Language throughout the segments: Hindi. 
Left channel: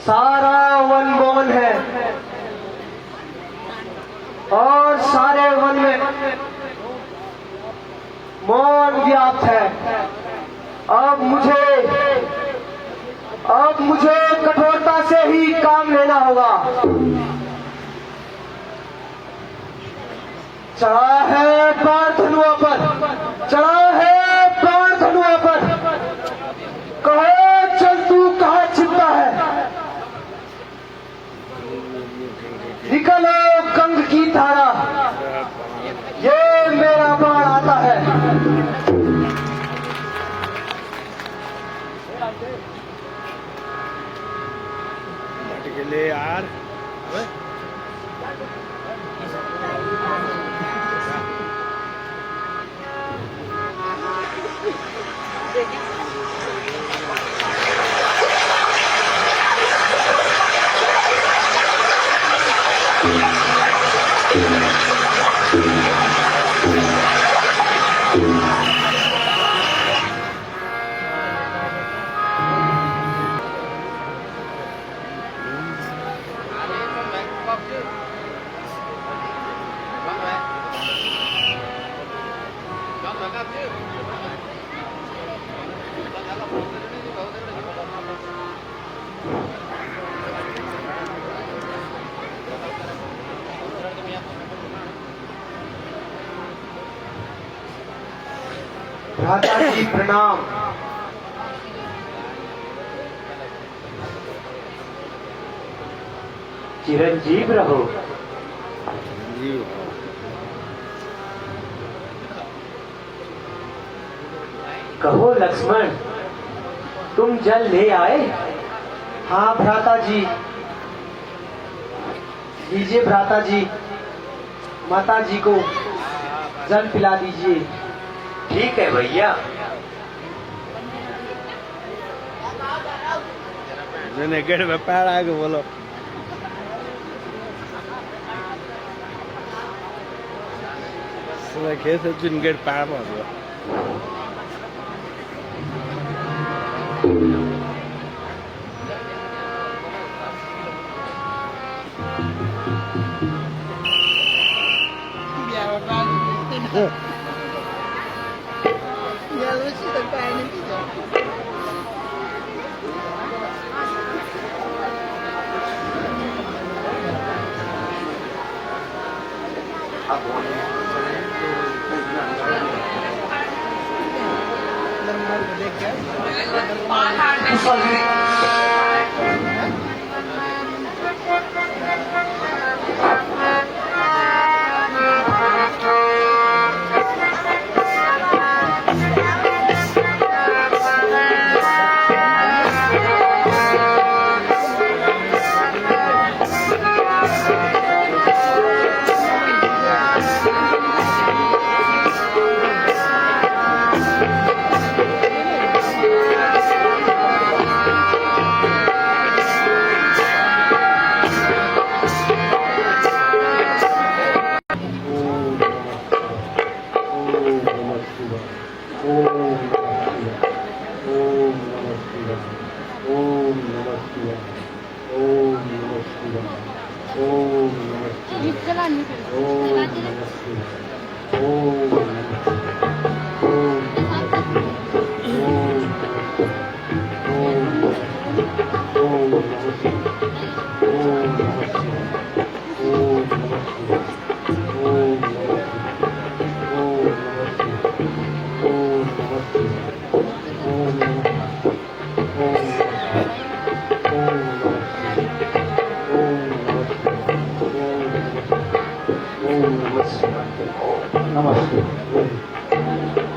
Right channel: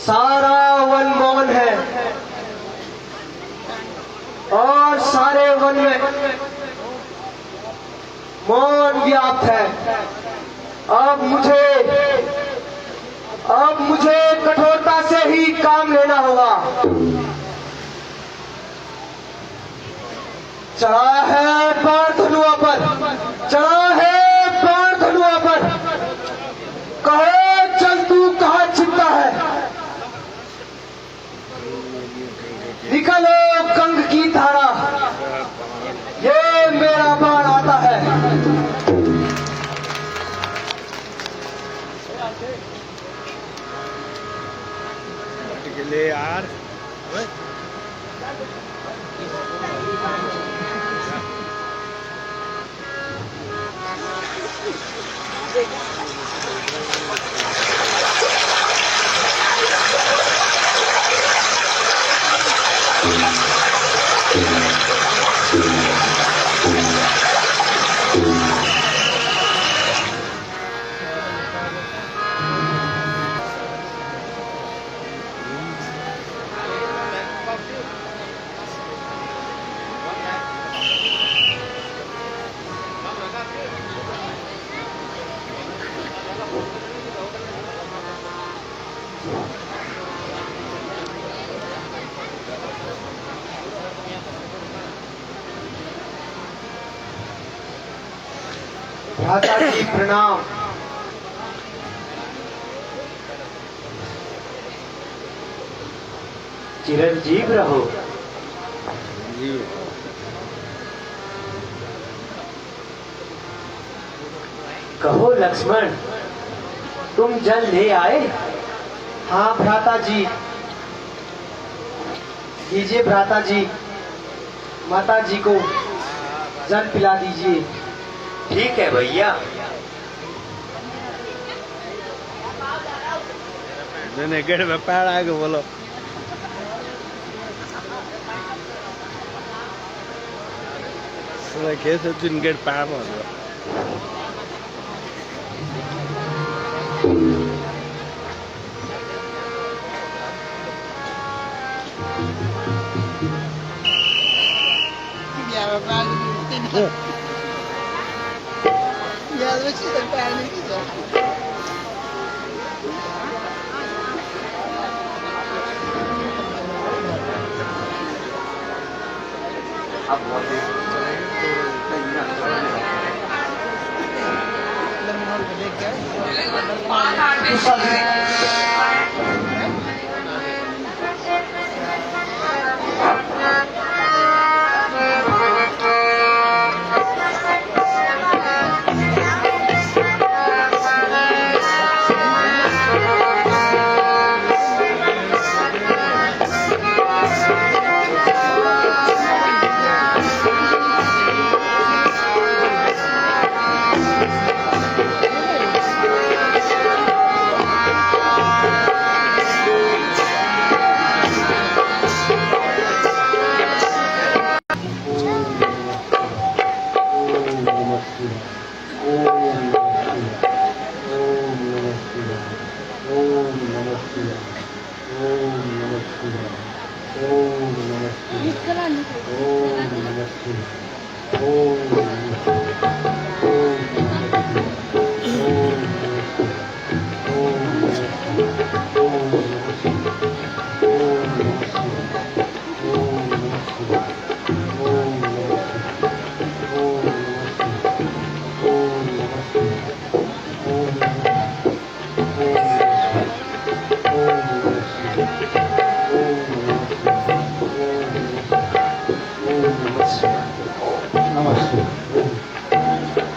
सारा वन मौन है और सारे वन में मौन व्याप्त है। अब मुझे कठोरता से ही काम लेना होगा। चढ़ा है बाण धनुआ पर, चढ़ा है बाण धनुआ पर, कहो चल तू कहाँ छिपता है। निकलो गंग की धारा, ये मेरा बाण आता है। बट के लिए यार भ्राता जी प्रणाम। चिरंजीव रहो। कहो लक्ष्मण, तुम जल ले आए? हाँ भ्राता जी। दीजिए भ्राता जी, माता जी को जल पिला दीजिए। ठीक है भैया। गेट में पैर आगे बोलो। कैसे दिन गेट पैर में हो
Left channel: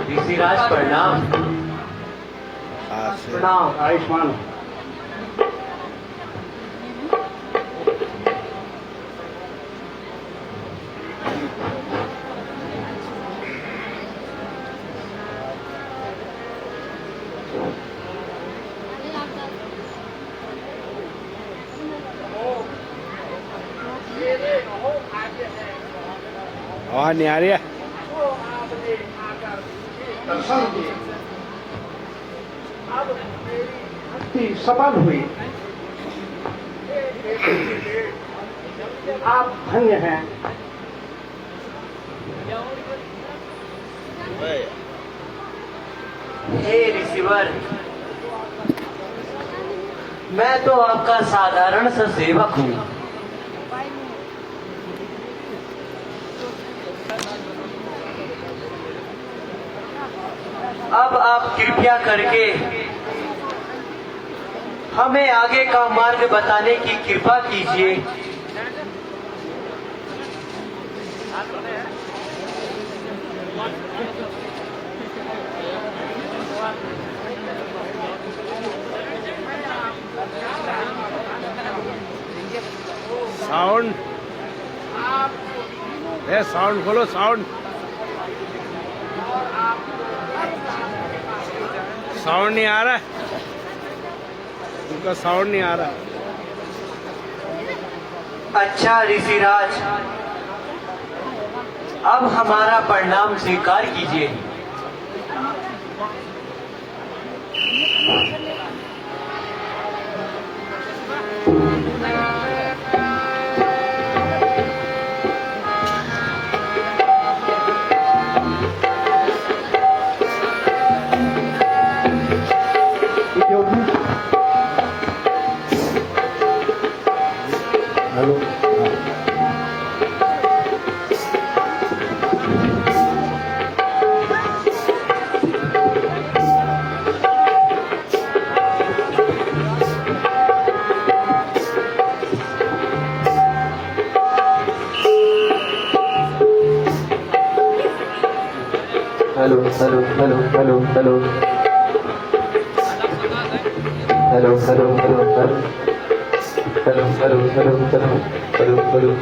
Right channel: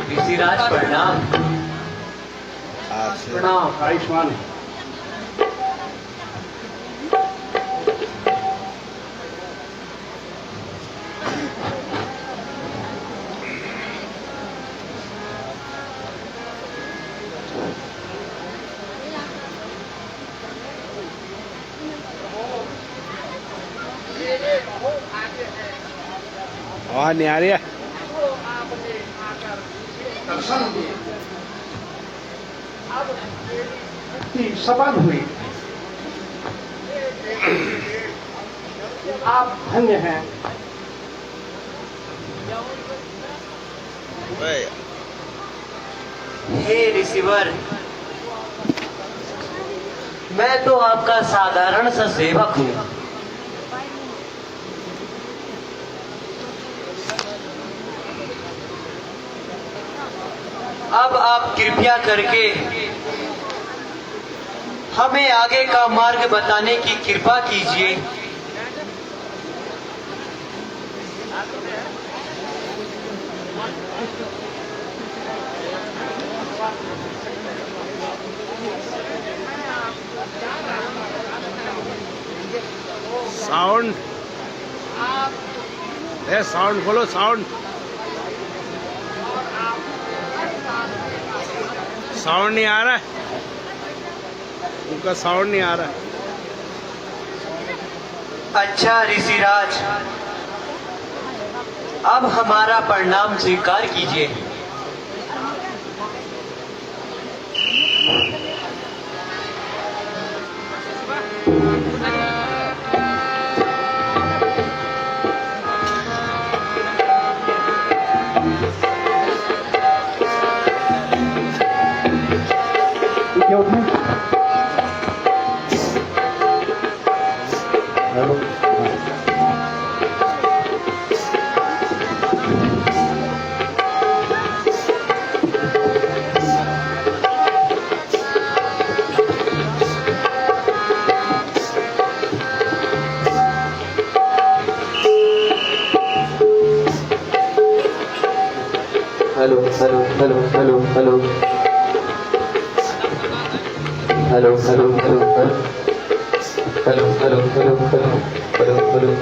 ऋषिराज प्रणाम। प्रणाम आयुष्मान। आवाज नहीं आ रही है। भक्ति सफल हुई। आप धन्य हैं। हे रिसीवर, मैं तो आपका साधारण सा सेवक हूँ। अब आप कृपया करके हमें आगे का मार्ग बताने की कृपा कीजिए। साउंड, साउंड खोलो, साउंड साउंड नहीं आ रहा है, उनका साउंड नहीं आ रहा है। अच्छा ऋषिराज, अब हमारा प्रणाम स्वीकार कीजिए। Hello, hello hello hello hello hello hello hello hello hello hello hello hello hello hello.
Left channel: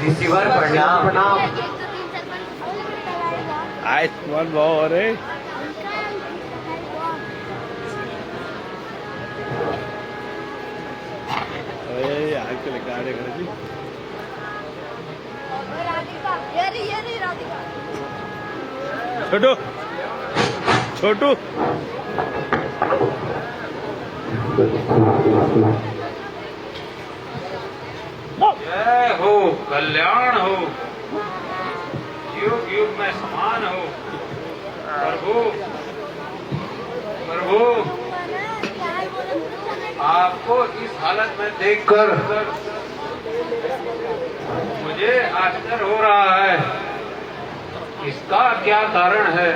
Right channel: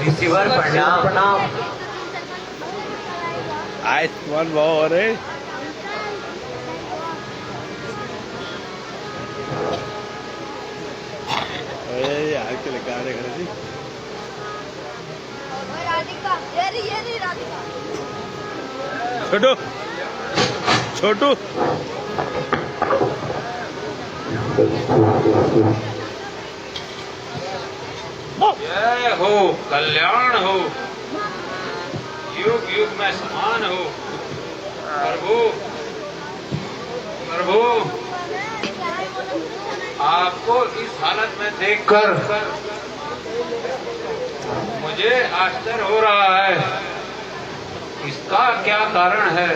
Receiver प्रणाम। आए तुम्हारे भाव हो रहे आके लेकर आ रहे खड़े जी। राधिका, ये नहीं राधिका। छोटू, छोटू जय हो, कल्याण हो, युग युग में समान हो। प्रभु प्रभु, आपको इस हालत में देखकर मुझे आश्चर्य हो रहा है। इसका क्या कारण है?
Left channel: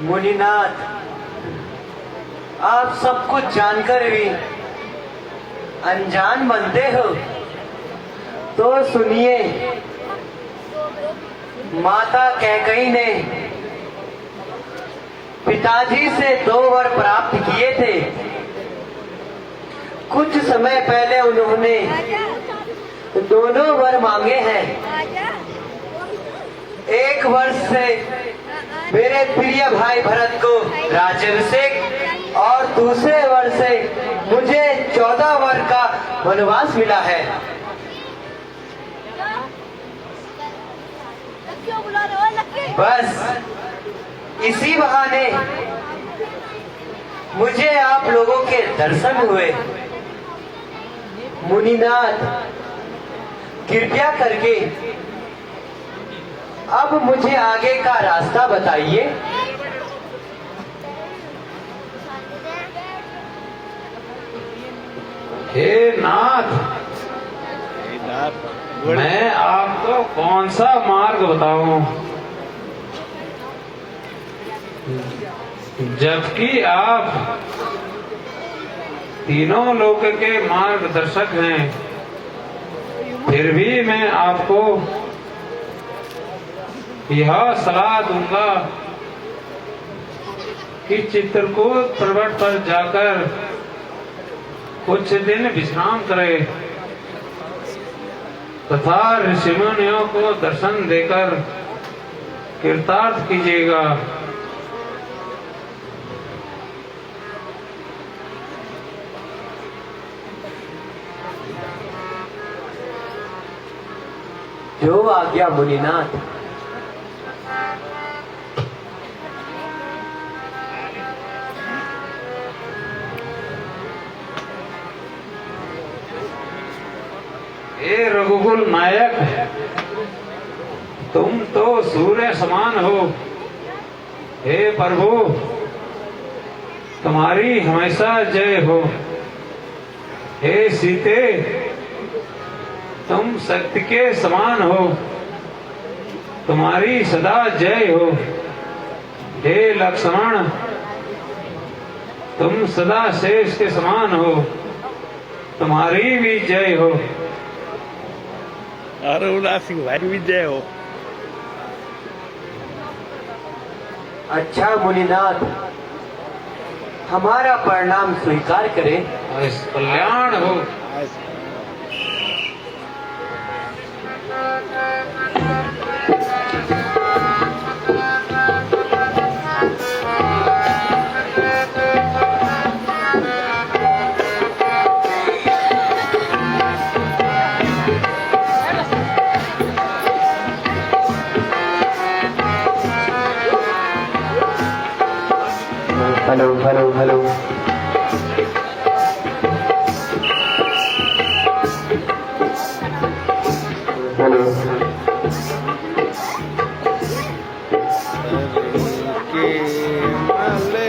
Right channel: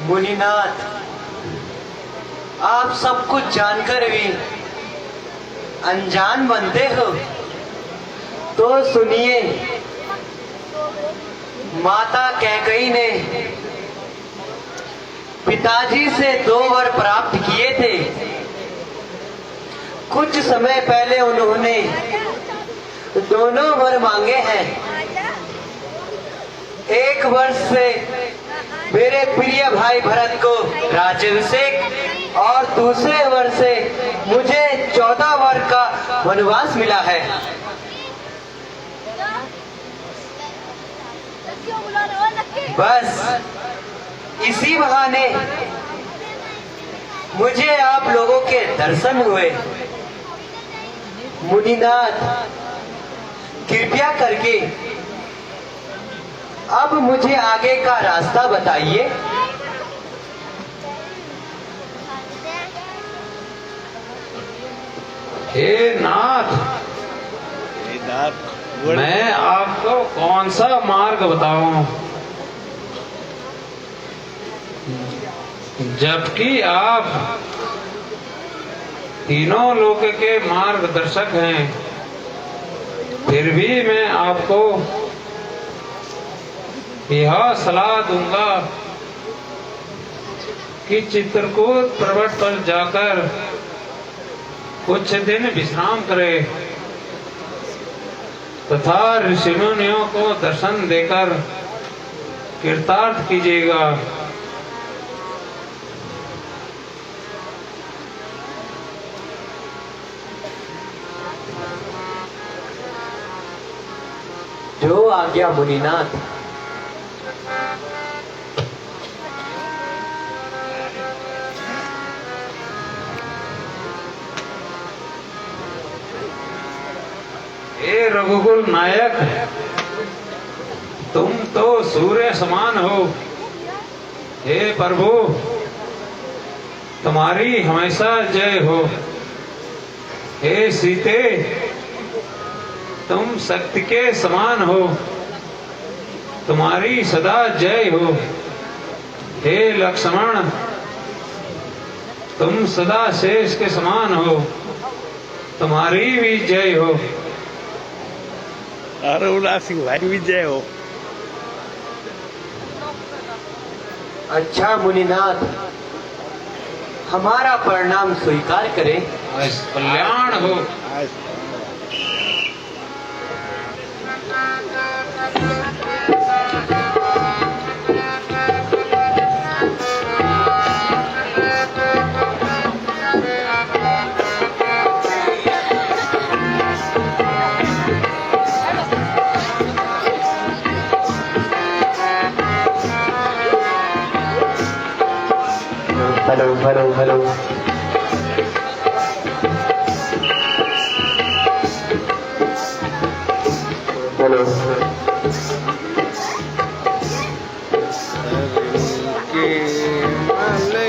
मुनिनाथ, आप सब कुछ जानकर भी अनजान बनते हो तो सुनिए। माता कैकेयी ने पिताजी से 2 वर प्राप्त किए थे। कुछ समय पहले उन्होंने दोनों वर मांगे हैं। एक वर्ष से मेरे प्रिय भाई भरत को राज्याभिषेक और दूसरे वर्ष से मुझे 14 वर का वनवास मिला है। बस इसी बहाने मुझे आप लोगों के दर्शन हुए। मुनिनाथ, कृपया करके अब मुझे आगे का रास्ता बताइए। हे नाथ, नाथ मैं आपको कौन सा मार्ग बताऊं, जबकि आप तीनों लोक के मार्गदर्शक हैं। फिर भी मैं आपको यह सलाह दूंगा कि चित्रकूट पर्वत पर जाकर कुछ दिन विश्राम करे तथा ऋषि मुनियों को दर्शन देकर कृतार्थ कीजिएगा। जो आज्ञा मुनिनाथ। हे रघुकुल नायक, तुम तो सूर्य समान हो। हे प्रभु, तुम्हारी हमेशा जय हो। हे सीते, तुम शक्ति के समान हो, तुम्हारी सदा जय हो। हे लक्ष्मण, तुम सदा शेष के समान हो, तुम्हारी भी जय हो। अरे उदासी हमारी भी जय हो। अच्छा मुनिनाथ, हमारा प्रणाम स्वीकार करें। कल्याण हो। Hello hello hello. हेलो। के माले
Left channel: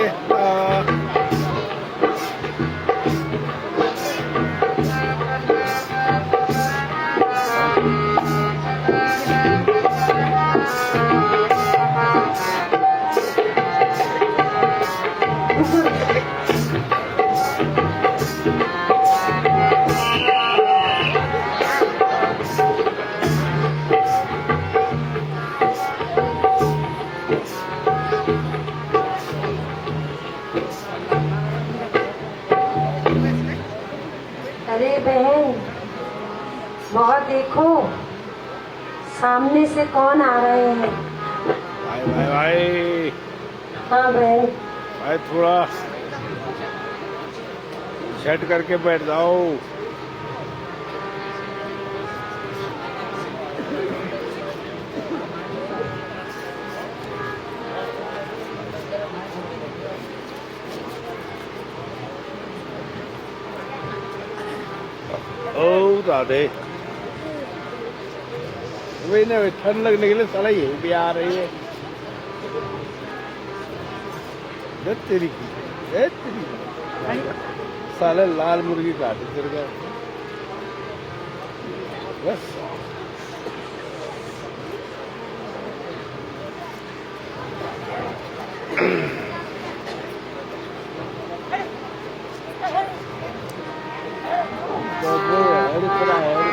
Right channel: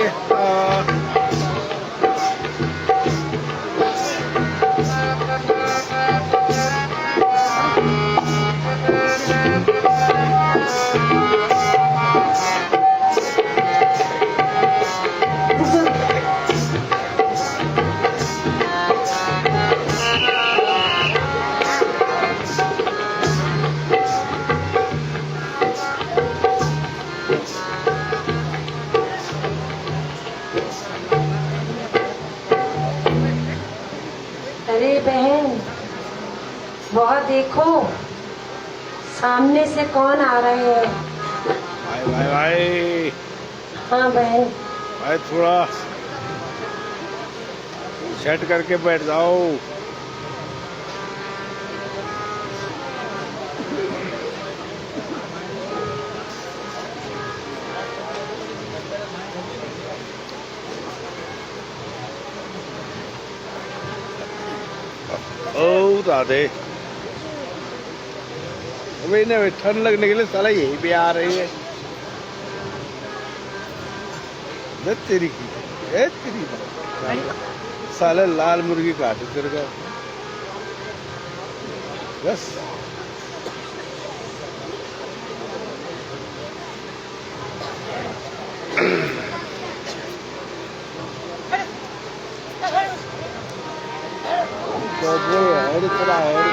अरे बहन, वहाँ देखो, सामने से कौन आ रहे हैं। भाई भाई भाई हाँ बहन। भाई थोड़ा सेट करके बैठ जाओ। ओ दादे वही ना, ठंड लगने के लिए साला यही भी आ रही है। तेरी की तेरी साले लाल मुर्गी काटे तेरे का बस। और इतना और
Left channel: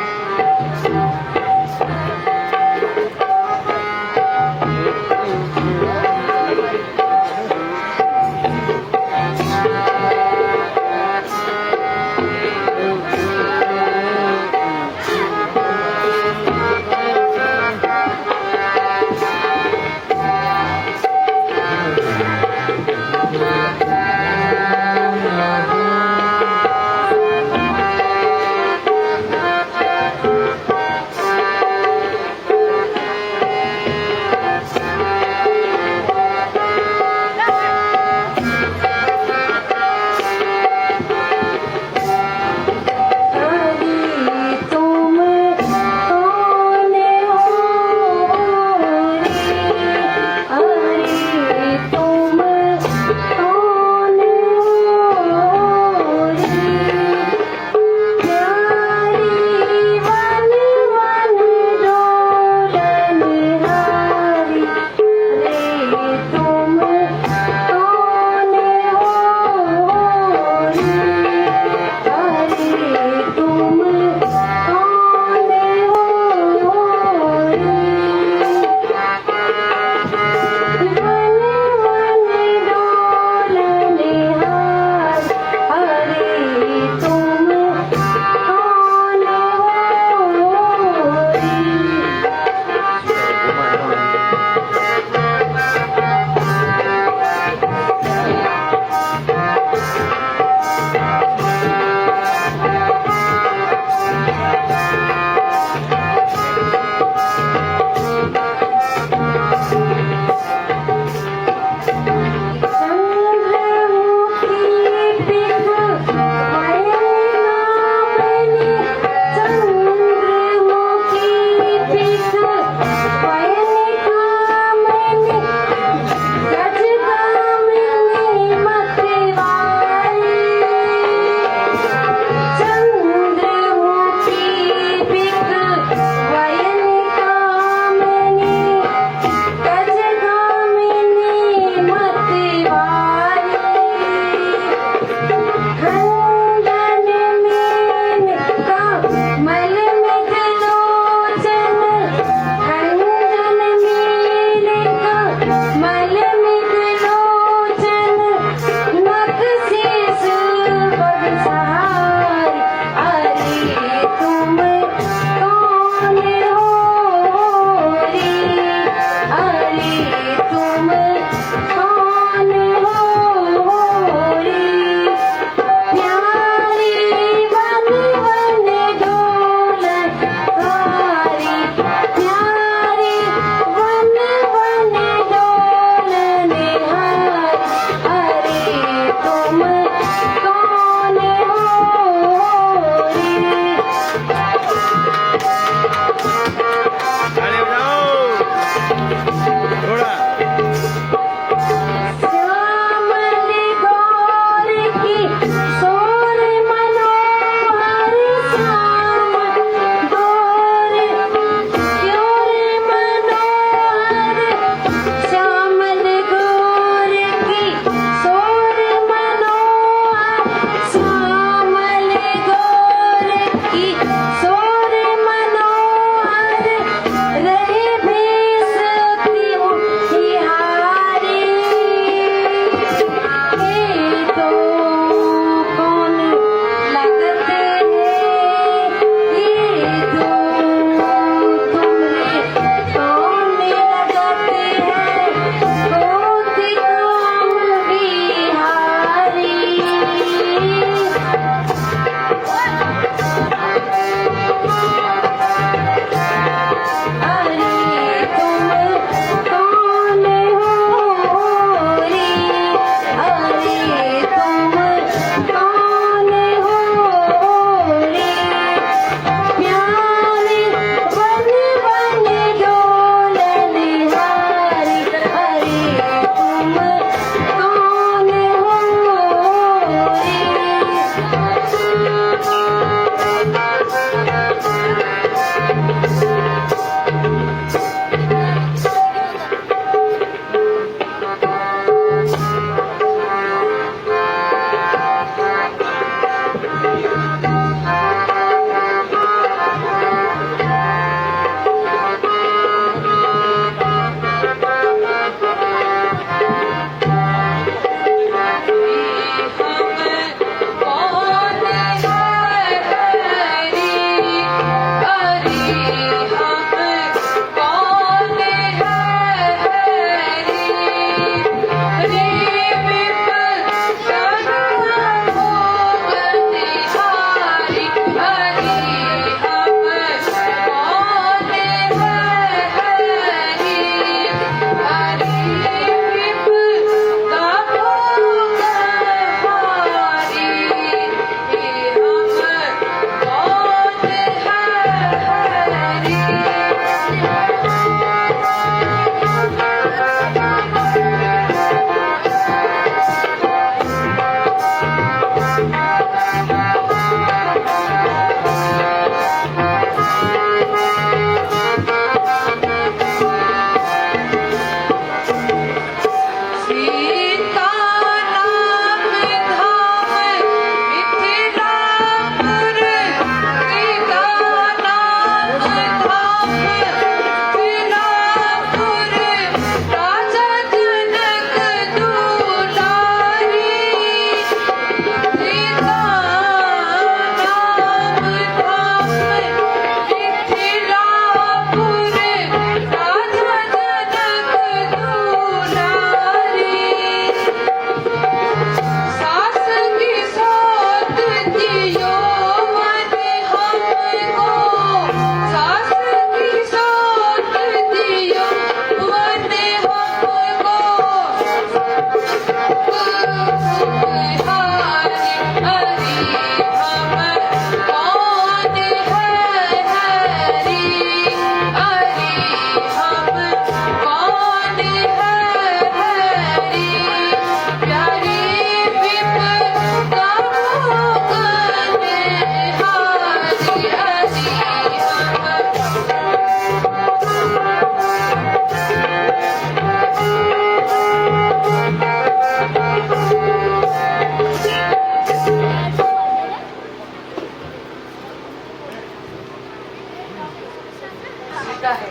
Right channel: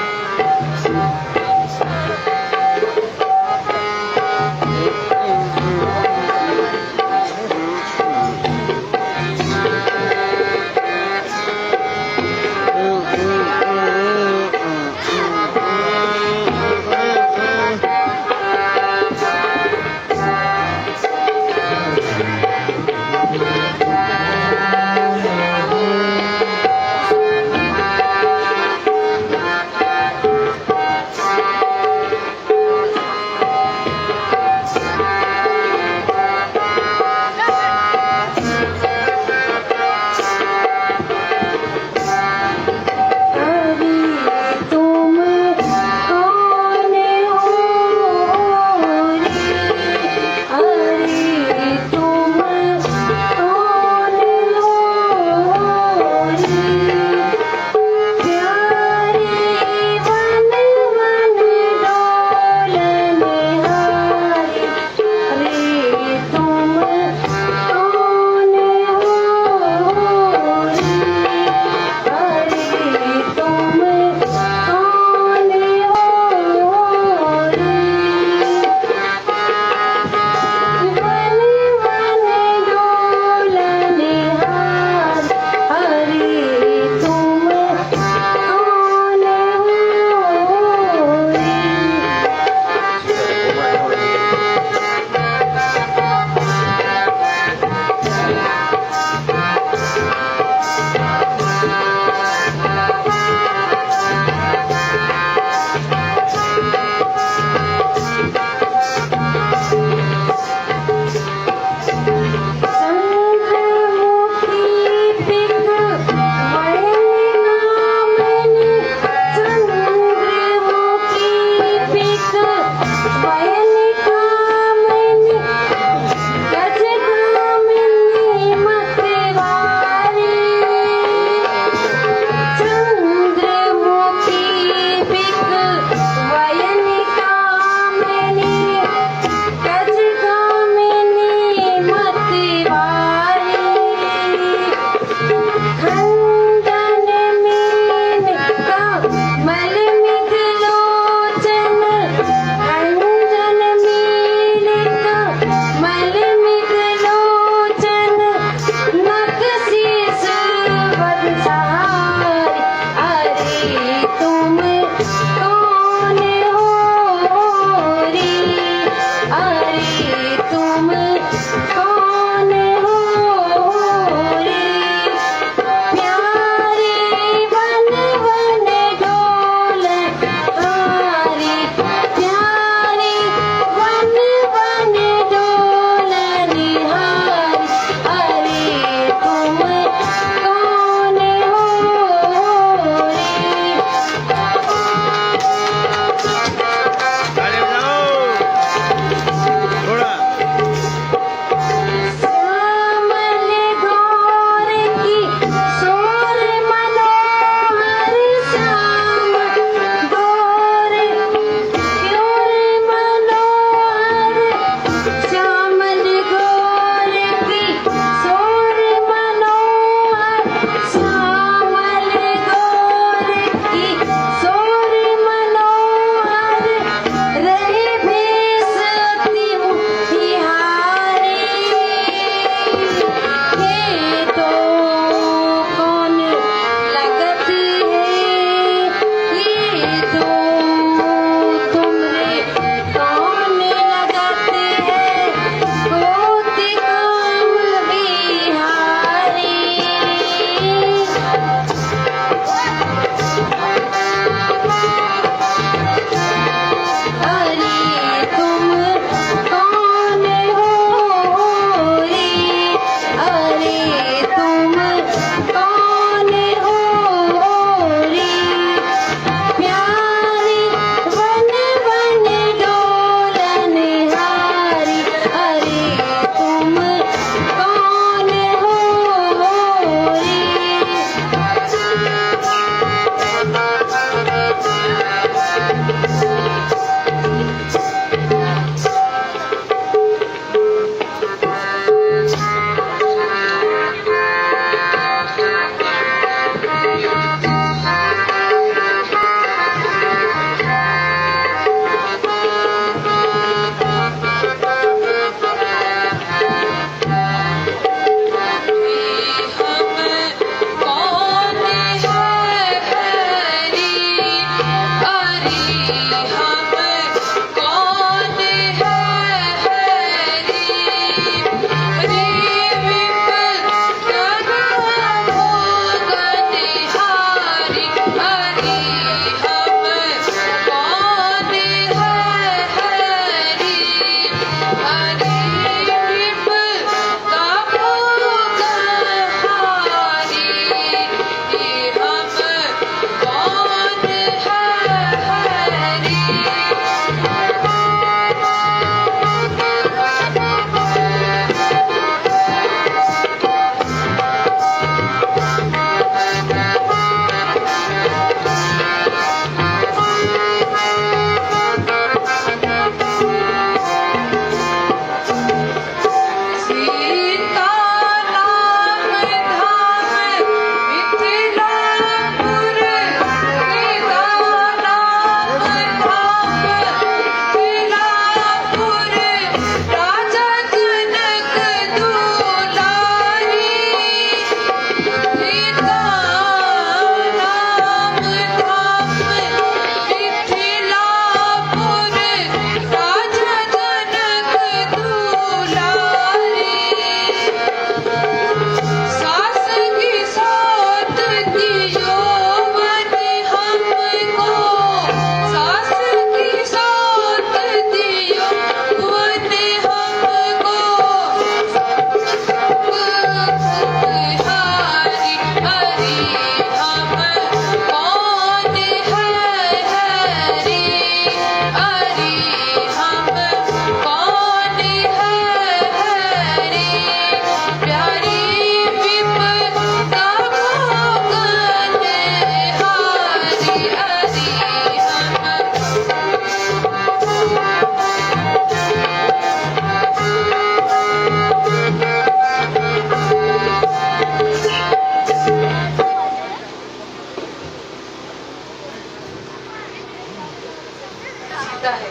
सीता है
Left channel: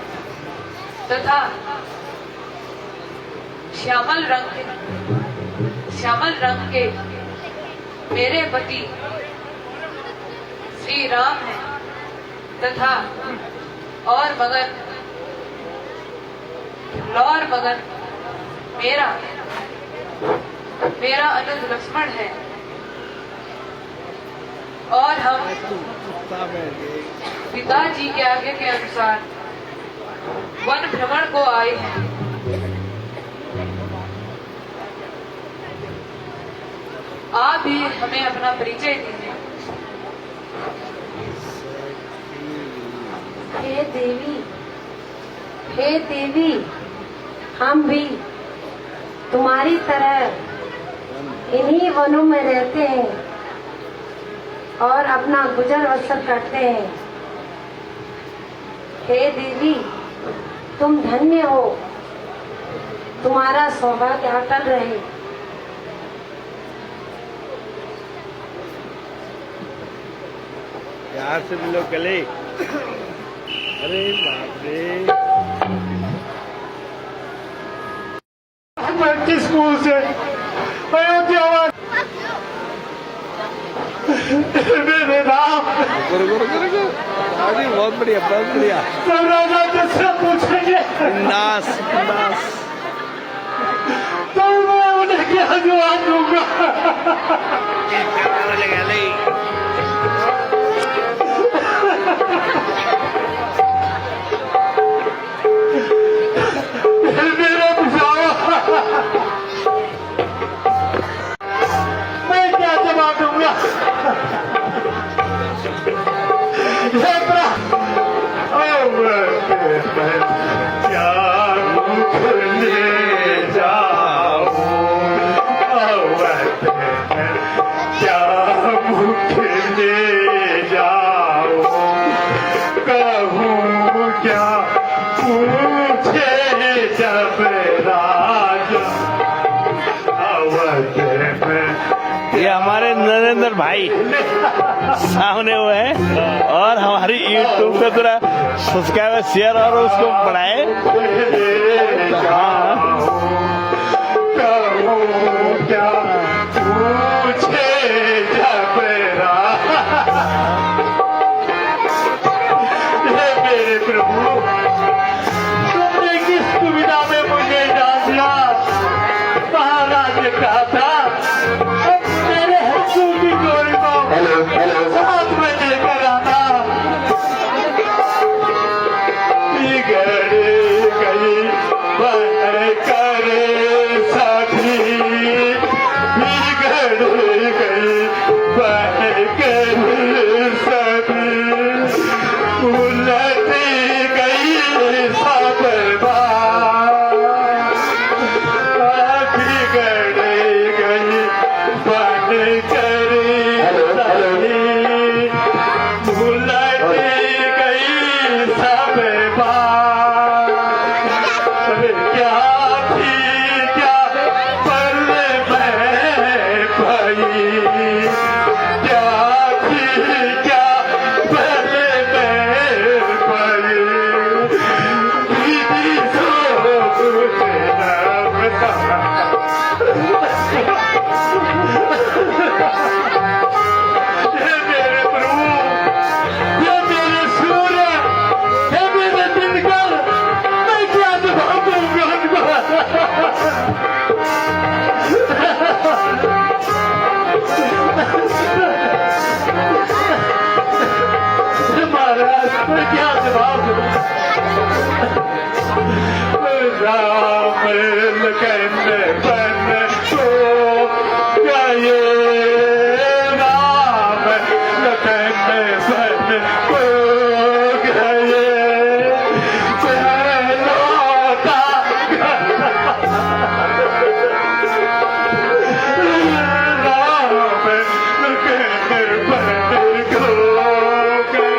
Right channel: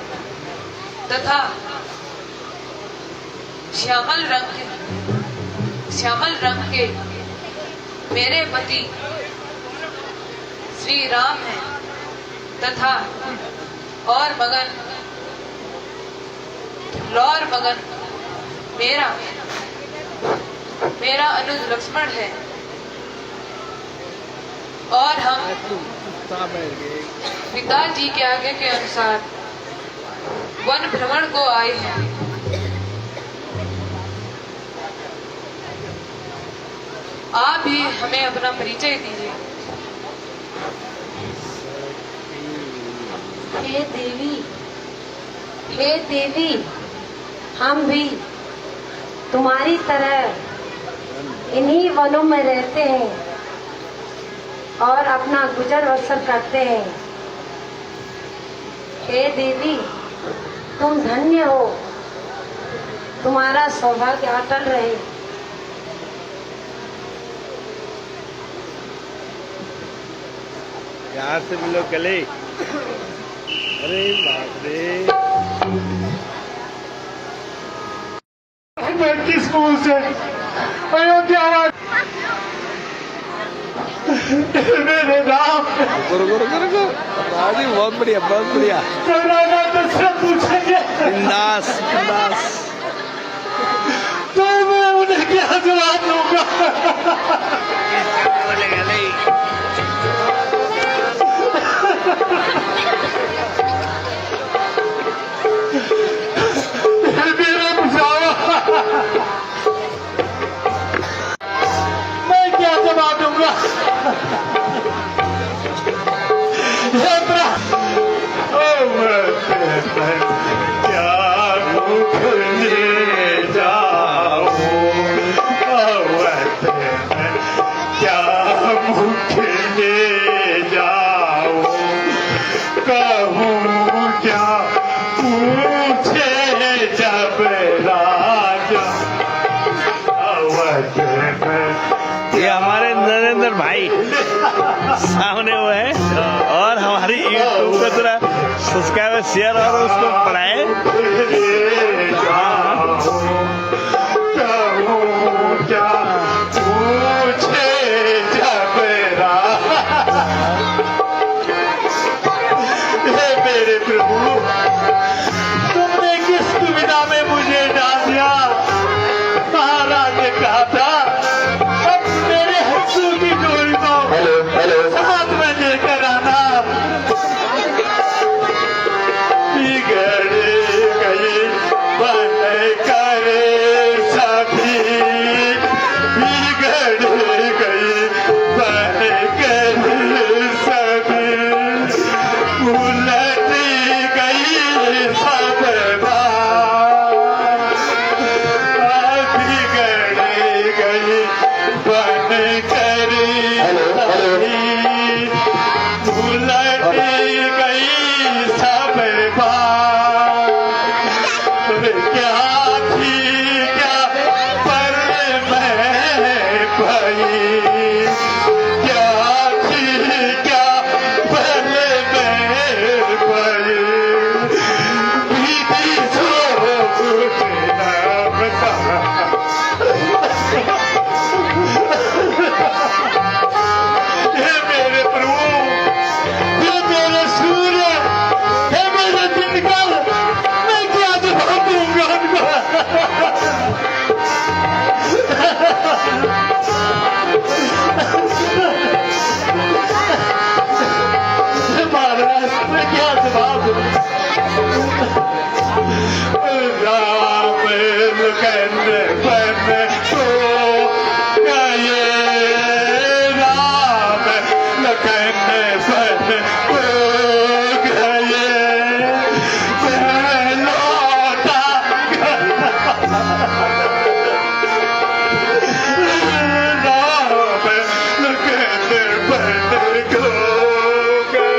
तथा श्यामल रंग के मेरे पति श्री राम हैं तथा और मगन मेरा अनुज लक्ष्मण है और हम पिताजी के आगे के अनुसार वन भ्रमण को आए हैं। आप भी हमें अपना परिचय दीजिए। हे देवी, हम भी तुम्हारी तरह इन्हीं वनों में रहते हैं और अपना गुजर बसर करते हैं। हे देवी, तुम धन्य हो, तुम्हारा सौभाग्य अटल रहे। यार से मिलो कले। अरे बाप रे, मैं किस स्कूल से अयोध्या मेरे राम बहुत बढ़िया, बहुत बढ़िया। राजा तुझसे पूछेंगे बिंदास बिंदास। तो मैं उन्हें क्या जवाब दूंगा? मेरा बुझावा, मैं क्या जवाब दूंगा? क्या मुख ले जाओ, क्या मुख ले जाओ, कहूँ क्या पूछे जब राजा अवध में। ये हमारे नरेंद्र भाई सामने हुए हैं और हमारी यूट्यूब पे पूरा सब्सक्राइबर शेयर और उसको बढ़ाए। हाँ, क्या पूछे जब राजा, हे मेरे प्रभु, तुमने किस दुविधा में मुझे डाल दिया? महाराज ने कहा था मेरे हंसू की डोरी को साथ में लेकर आना। बिगड़ गई बन करे सभी, बिगड़ गई बन करे सभी, उलट गई सब बात, बिगड़ गई बन करे सभी, उलट गई सब बात। क्या थी क्या पर मैं भई, क्या थी क्या पर मैं भई, बीती सो कुछ न बता। हे मेरे प्रभु, हे मेरे सूर्य, हे मेरे दिनकर, मैं क्या जवाब दूंगा उनको? महाराज, मैं क्या जवाब दूंगा? राम लखन बन को गए, राम लखन बन को गए, लौटा राम लखन बन को गए,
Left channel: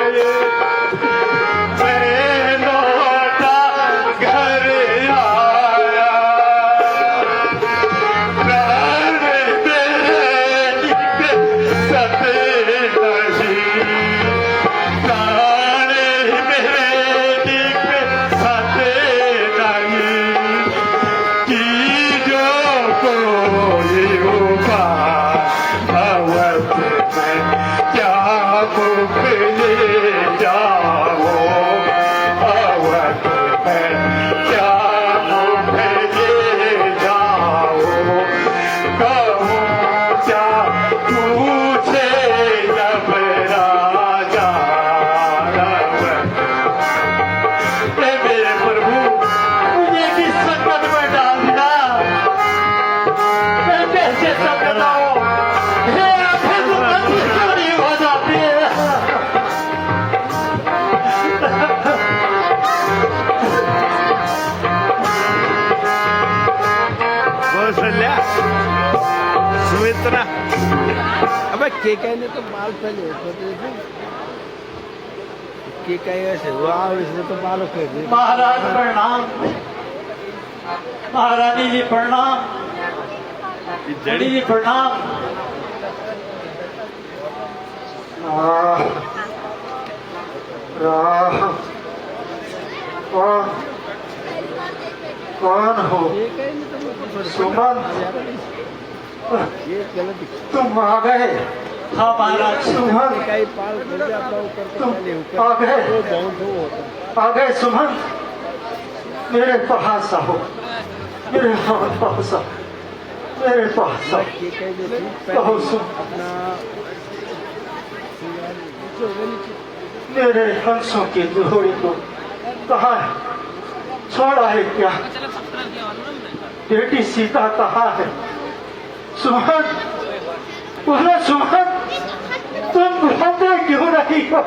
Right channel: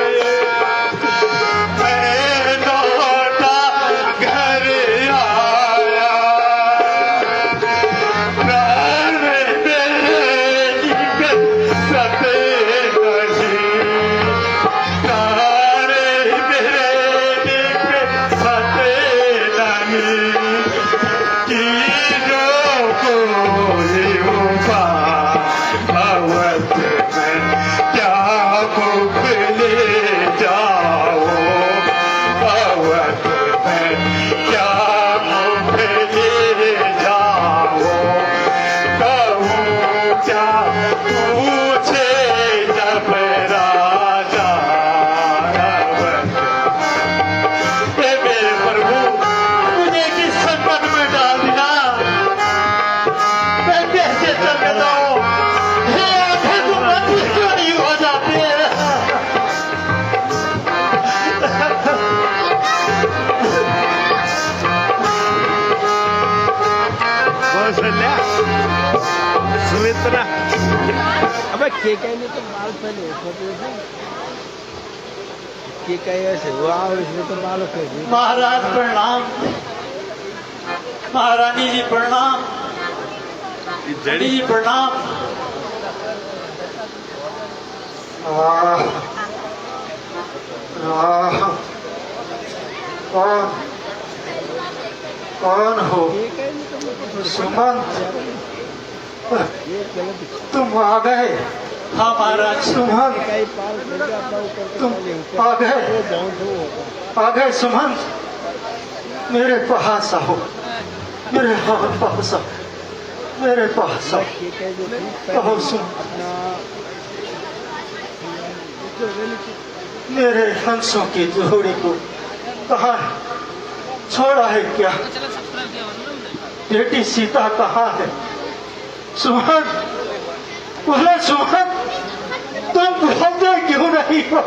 मैं लौटा घर आया, प्राण मेरे सते नहीं, ले जाओ अवध में क्या मुझे ले जाओ कहूँ क्या पूछे जब राजा मेरे प्रभु मुझे किस संकट में डाल दिया मैं कैसे समझाऊं हे आंखें तो बंद क्यों नहीं हो जाती है कौशल्या सुमित्रा अबे के कहने तो बाल पहले होते थे के कहे ऐसे वाह इसमें तो बाल होते थे महाराज प्रणाम महारानी जी प्रणाम जड़ी जी प्रणाम कौन हो के कहने तो मुझको थोड़ी सुमन ये गलत तुम आ गए हाँ महाराज सुमन कई पाल कर जाता ऊपर के पहले ऊपर आ गए वो बाउंड हो होता आ गए सुमन मेरे पास आओ मेरे पास आओ मेरे पास आओ के कहे जो थी कहो पहले सुन अपना मेरे हंसों की जोड़ी को कहा है छोड़ा है क्या बेटी सीता कहाँ है सुमन बोलो सुमन तुम बोलते क्यों नहीं हो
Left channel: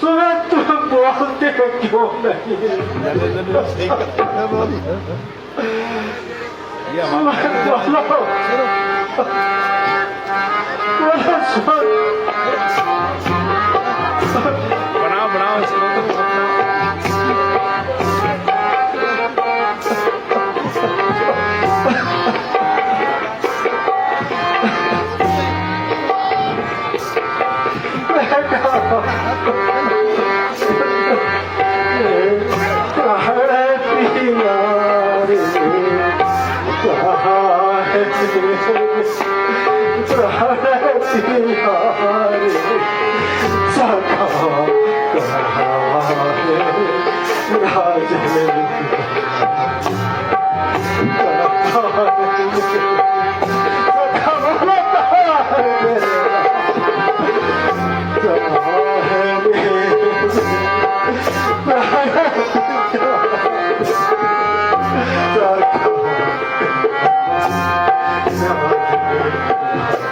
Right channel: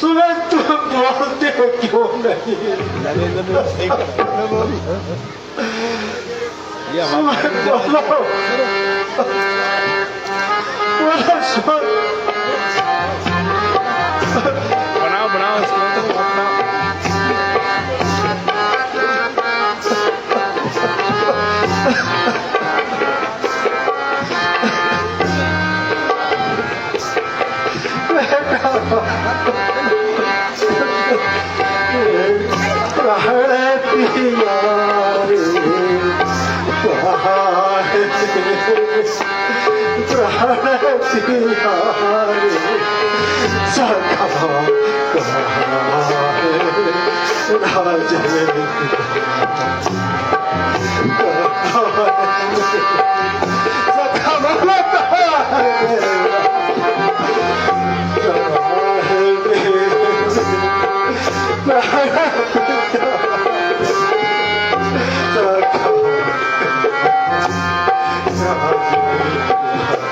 सुमन तुम बोलते क्यों नहीं ये हमारा बोलो सुमन बनाओ बनाओ उसको तो अपना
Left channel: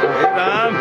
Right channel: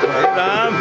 हे राम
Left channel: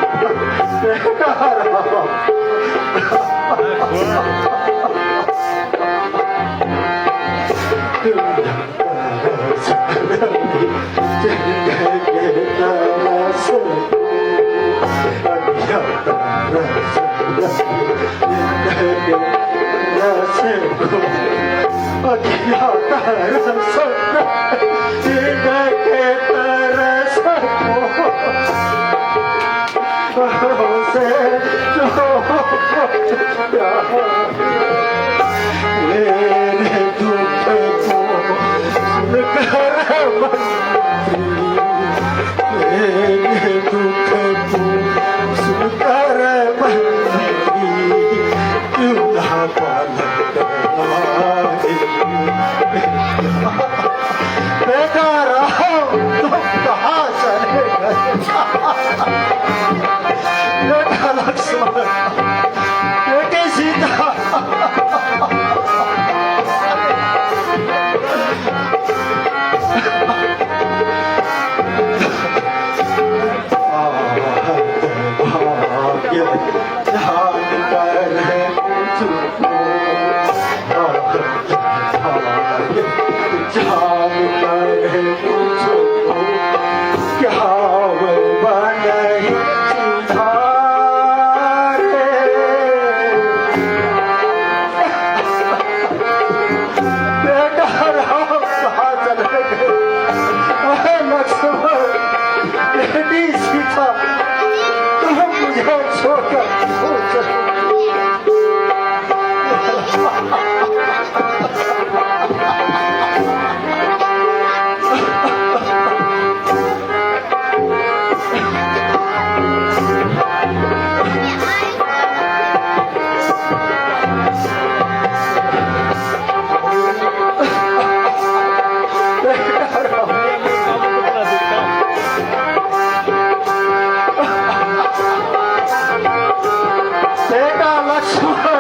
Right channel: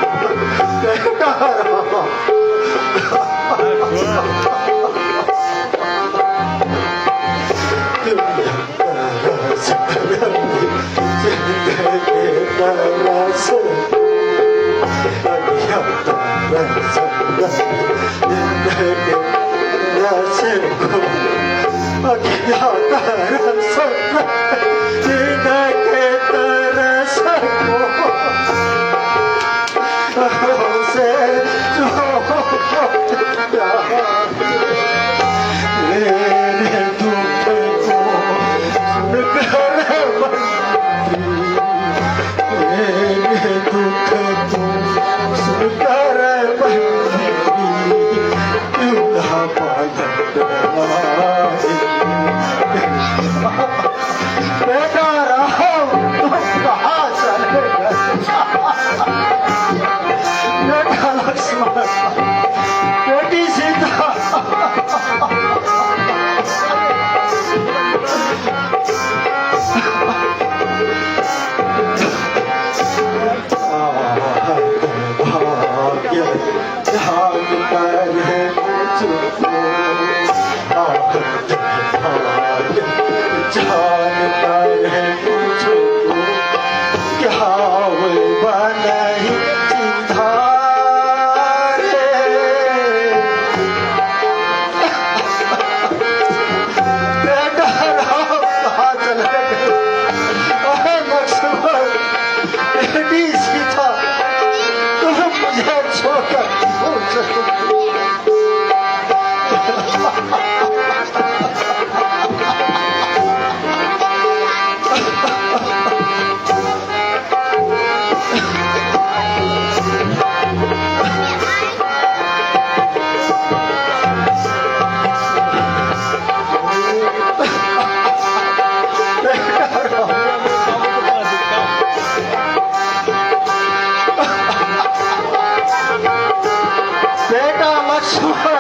बेटा लक्ष्मण,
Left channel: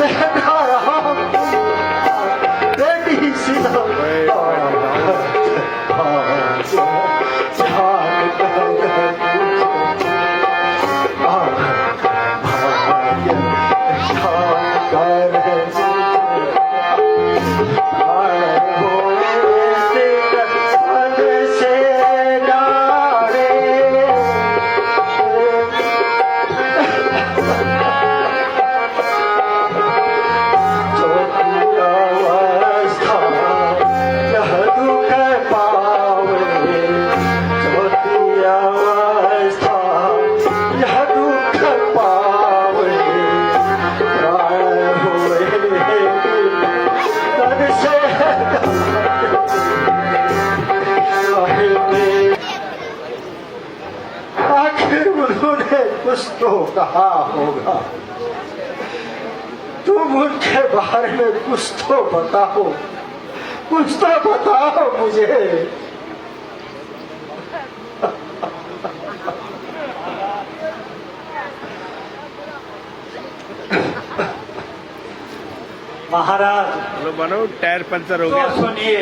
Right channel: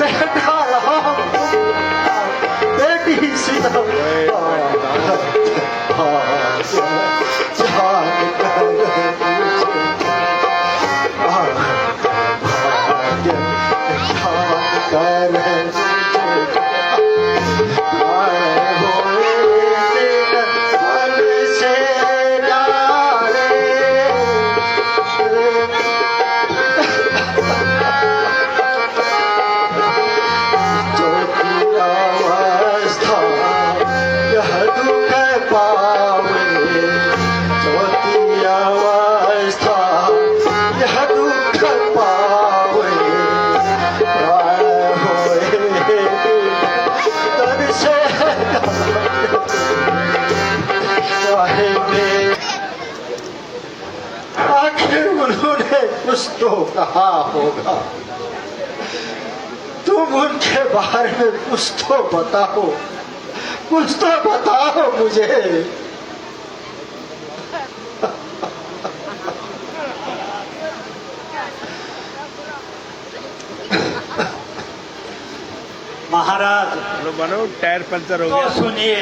बेटा राम, बेटी सीता। आखिर उन्होंने कुछ तो कहा होगा, तुम उनके बारे में कुछ तो बताओ, कुछ तो बताओ मुझे। महाराज चलो बनो, टायर पंचर हो गया। सुनिए,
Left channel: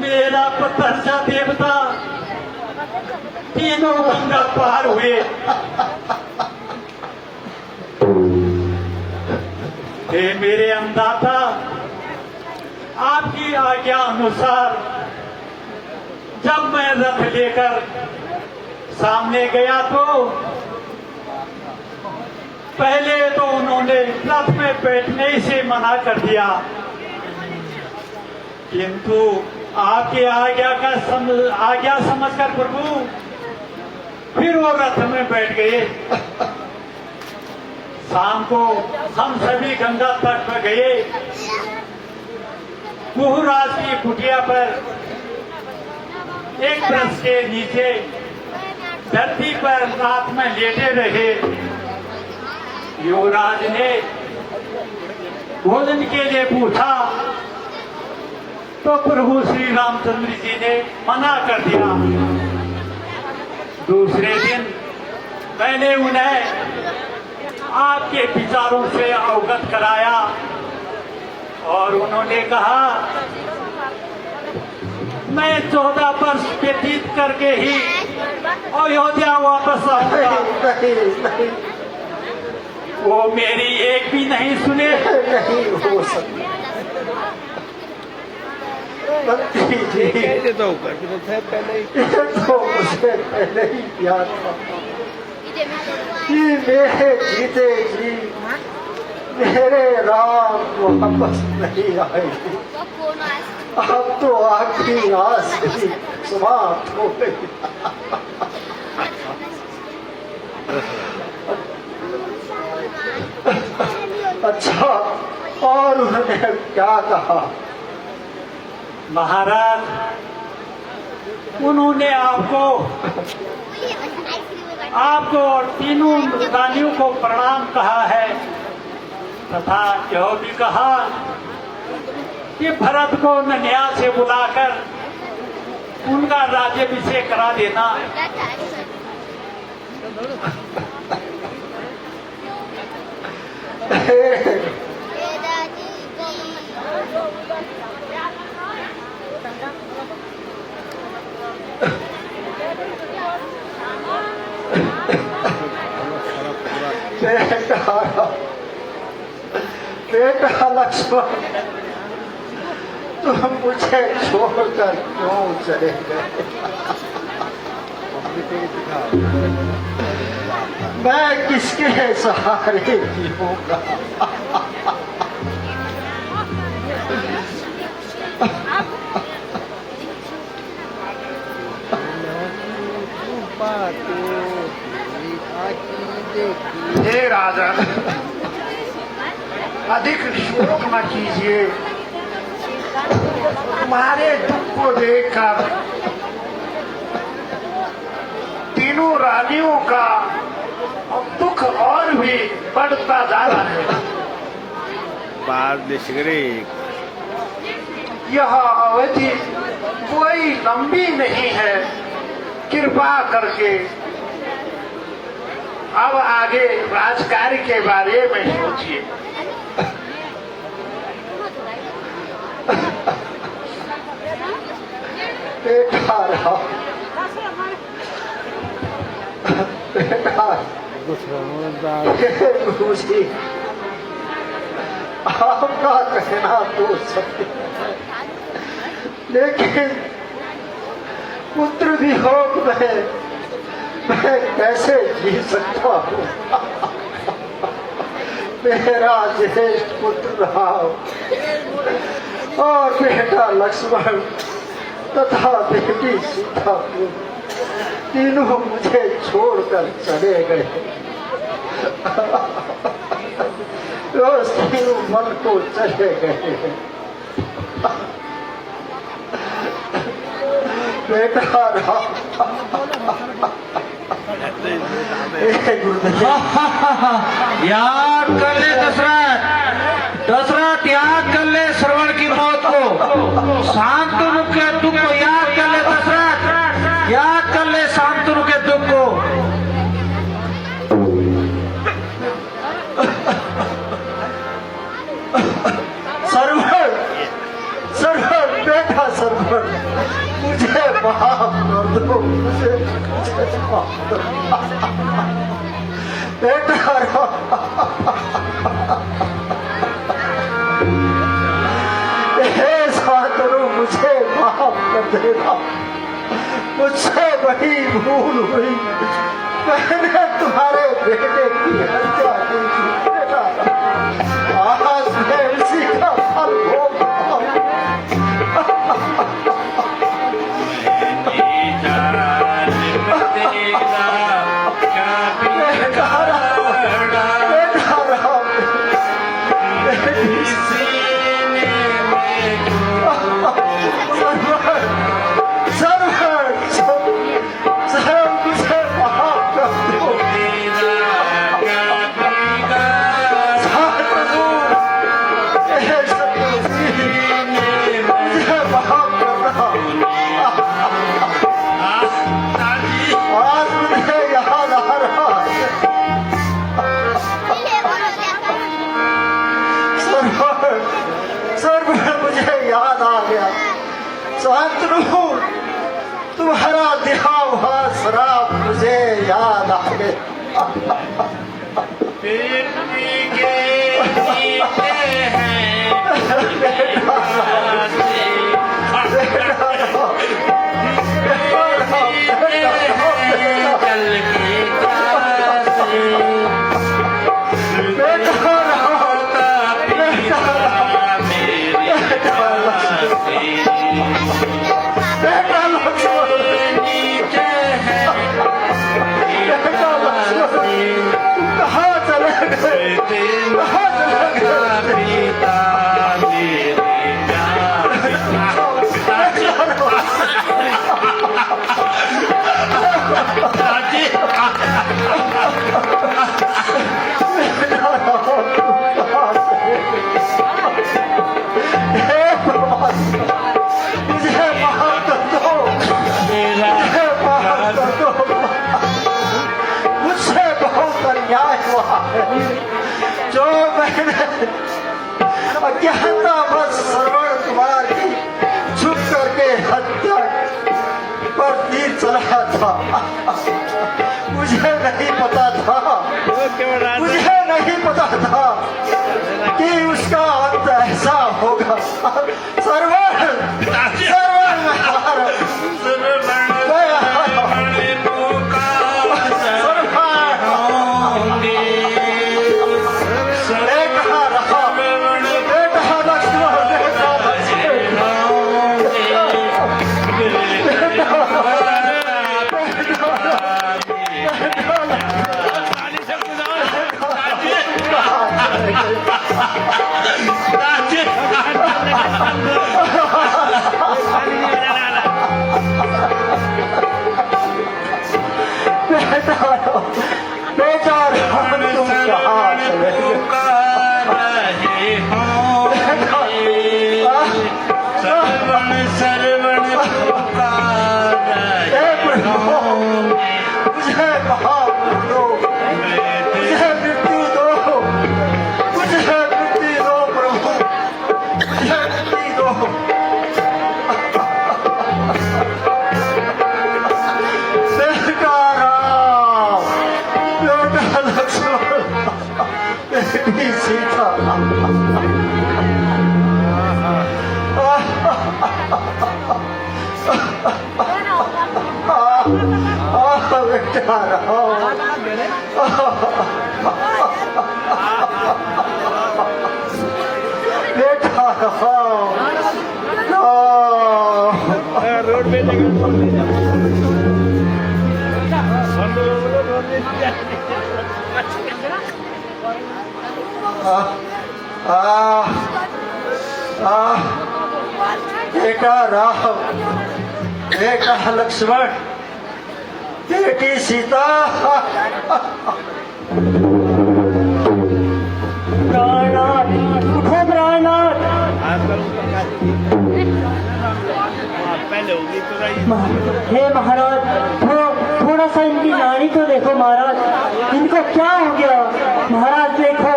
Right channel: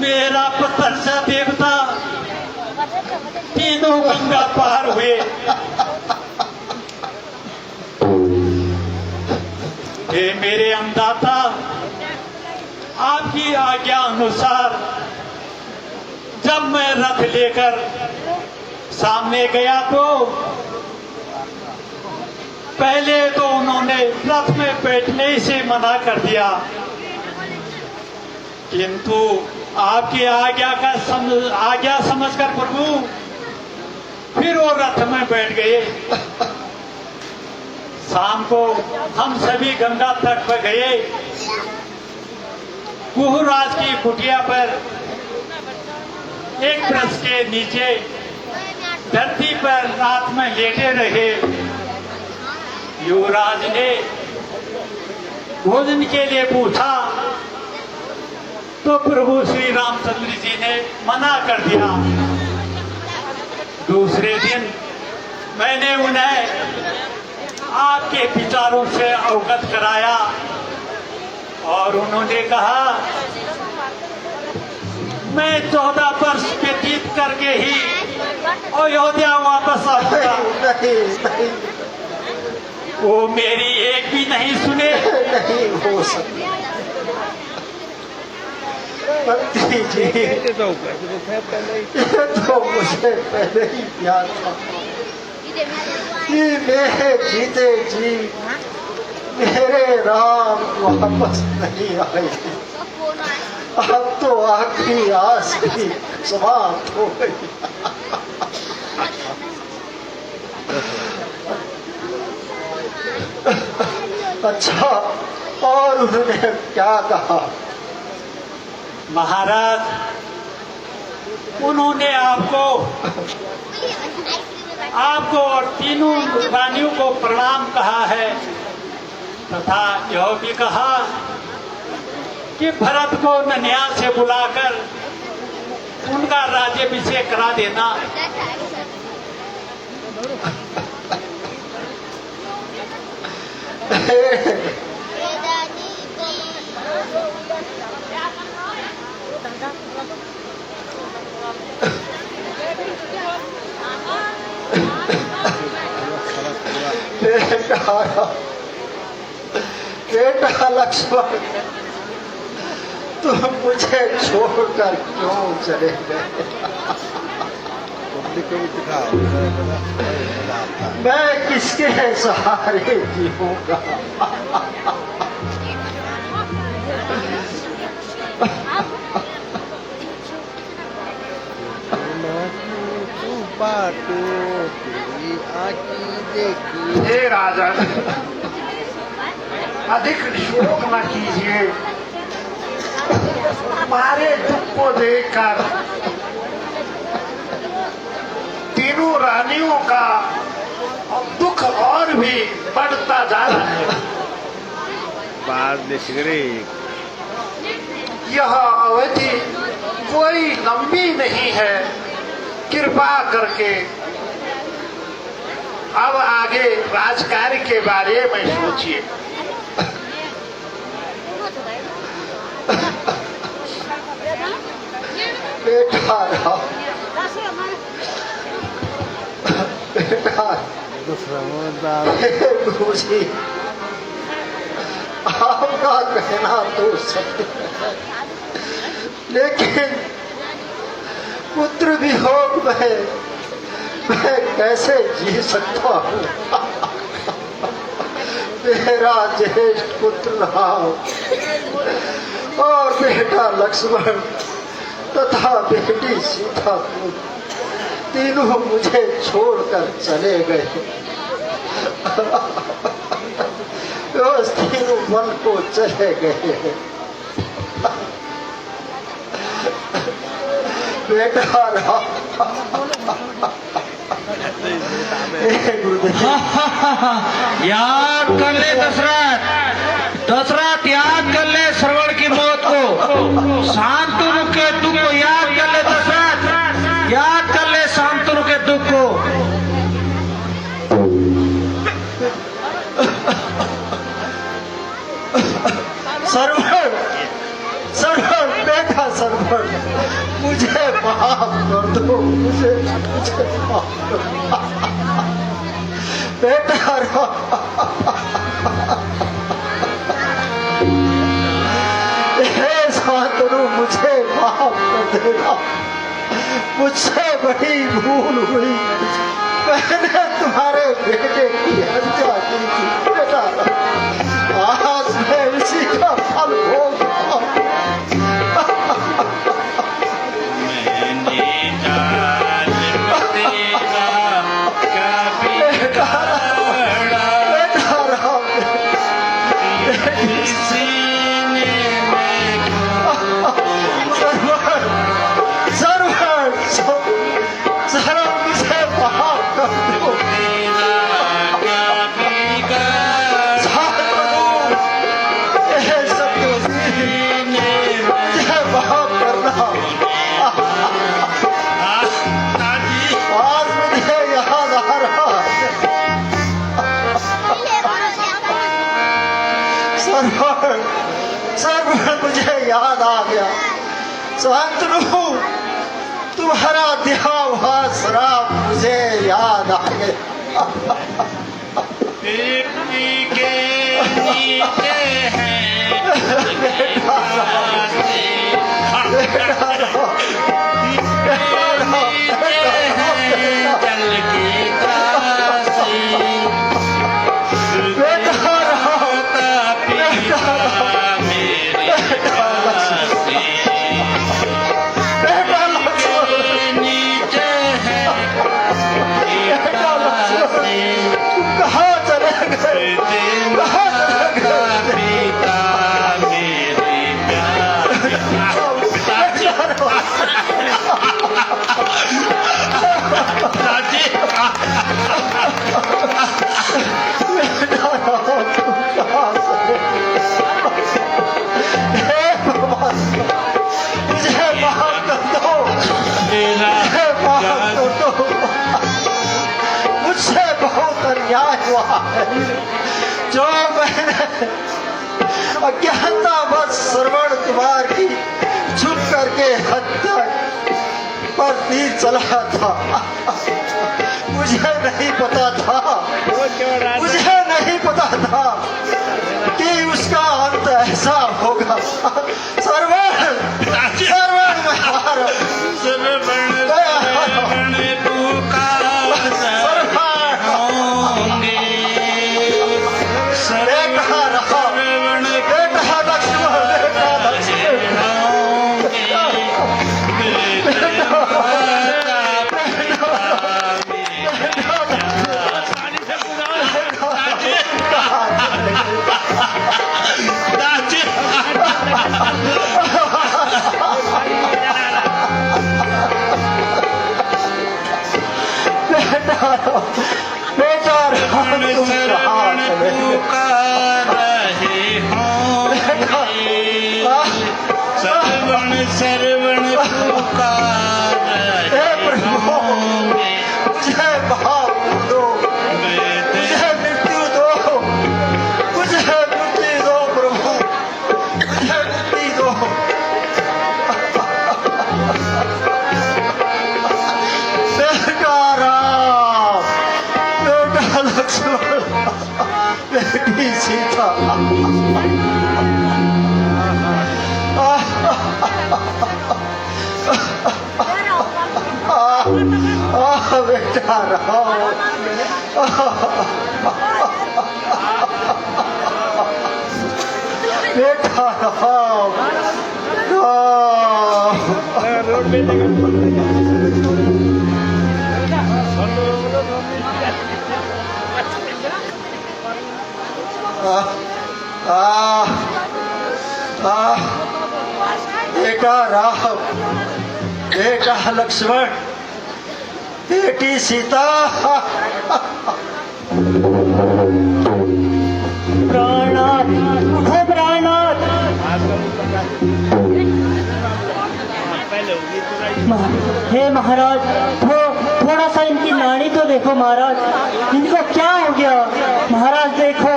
मेरा पुत्र सा देवता तीनों गंगा पार हुए। हे मेरे अन्नदाता, आपकी आज्ञा अनुसार जब मैं रथ लेकर सामने गया तो पहले तो उन्होंने रथ में बैठने से मना कर दिया, किंतु आपकी आज्ञा समझकर प्रभु फिर वो रथ में बैठ गए। शाम को हम सभी गंगा तट पर गए। कुहराज की कुटिया पर एक वृक्ष के नीचे धरती पर रात में लेटे रहे। युवराज ने भोजन के लिए पूछा तो प्रभु श्री रामचंद्र जी ने मना कर दिया। दूसरे दिन मैंने उन्हें आपके विचारों से अवगत कराया और उन्होंने कहा मैं 14 वर्ष व्यतीत करके ही अयोध्या वापस आऊंगा। वो मेरी एक भी नहीं सुने। नहीं हो सकता ये तो पहले ही ये तो मुझे पहले ही याद था कि मेरे जीते जी मेरे राम वापस नहीं आएगी। अब तो आखिरी आस भी समाप्त हो गई। अच्छा, और उन्होंने क्या कहा? महाराज, उन्होंने आपको और तीनों रानियों को प्रणाम कहा है तथा यह भी कहा कि भरत को नन्या से बुलाकर उनका राज्याभिषेक करा देना। बेटा लक्ष्मण, तुम मुझे छोड़कर क्यों चले गए? मैं किसके सहारे जीऊंगा? हे राजन, अधिक शोक न कीजिए। तुम्हारे दुख को देखकर तीनों रानियों का दुख और भी बढ़ता जा रहा है। बाद में यह अवधि कोई लंबी नहीं है। कृपा करके अब आगे राजकार्य के बारे में सोचिए। मुझे आपका कहना तो सत्य है, लेकिन पुत्र वियोग में मैं कैसे जी सकता हूँ? मेरा ज्येष्ठ पुत्र राम और बेटा लक्ष्मण तथा बेटी सीता तीनों मुझे छोड़कर चले गए। तीनों मन को चले गए। बेटा राम याद कर ले दशरथ याद कर ले श्रवण की मौत को। शांतनु के दुख को याद कर ले दशरथ, याद कर ले शांतनु के दुख को। सरवण, सरवण, बेटा सरवण, मुझे माफ कर दो, मुझे माफ कर दो। बेटा शांतनु, मुझे माफ कर देना, मुझसे बड़ी भूल हुई, मैंने तुम्हारे बेटे की हत्या की थी बेटा, आज मैं उसी का फल भोग रहा हूं। मुझे याद आ गया, शांतनु, तुम्हारा दिया हुआ शराब मुझे याद आ गया। जो मैंने अज्ञानतावश श्रवण कुमार की छुप करके हत्या पर तीर चलाया था, मुझे नहीं पता था कि उसका अंत ऐसा होगा। बेटा राम, बेटा लक्ष्मण, बेटी सीता, हे महाराज, थोड़ा सा इनकी नाड़ी तो देखो महाराज, इनको क्या हो गया महाराज? देखो,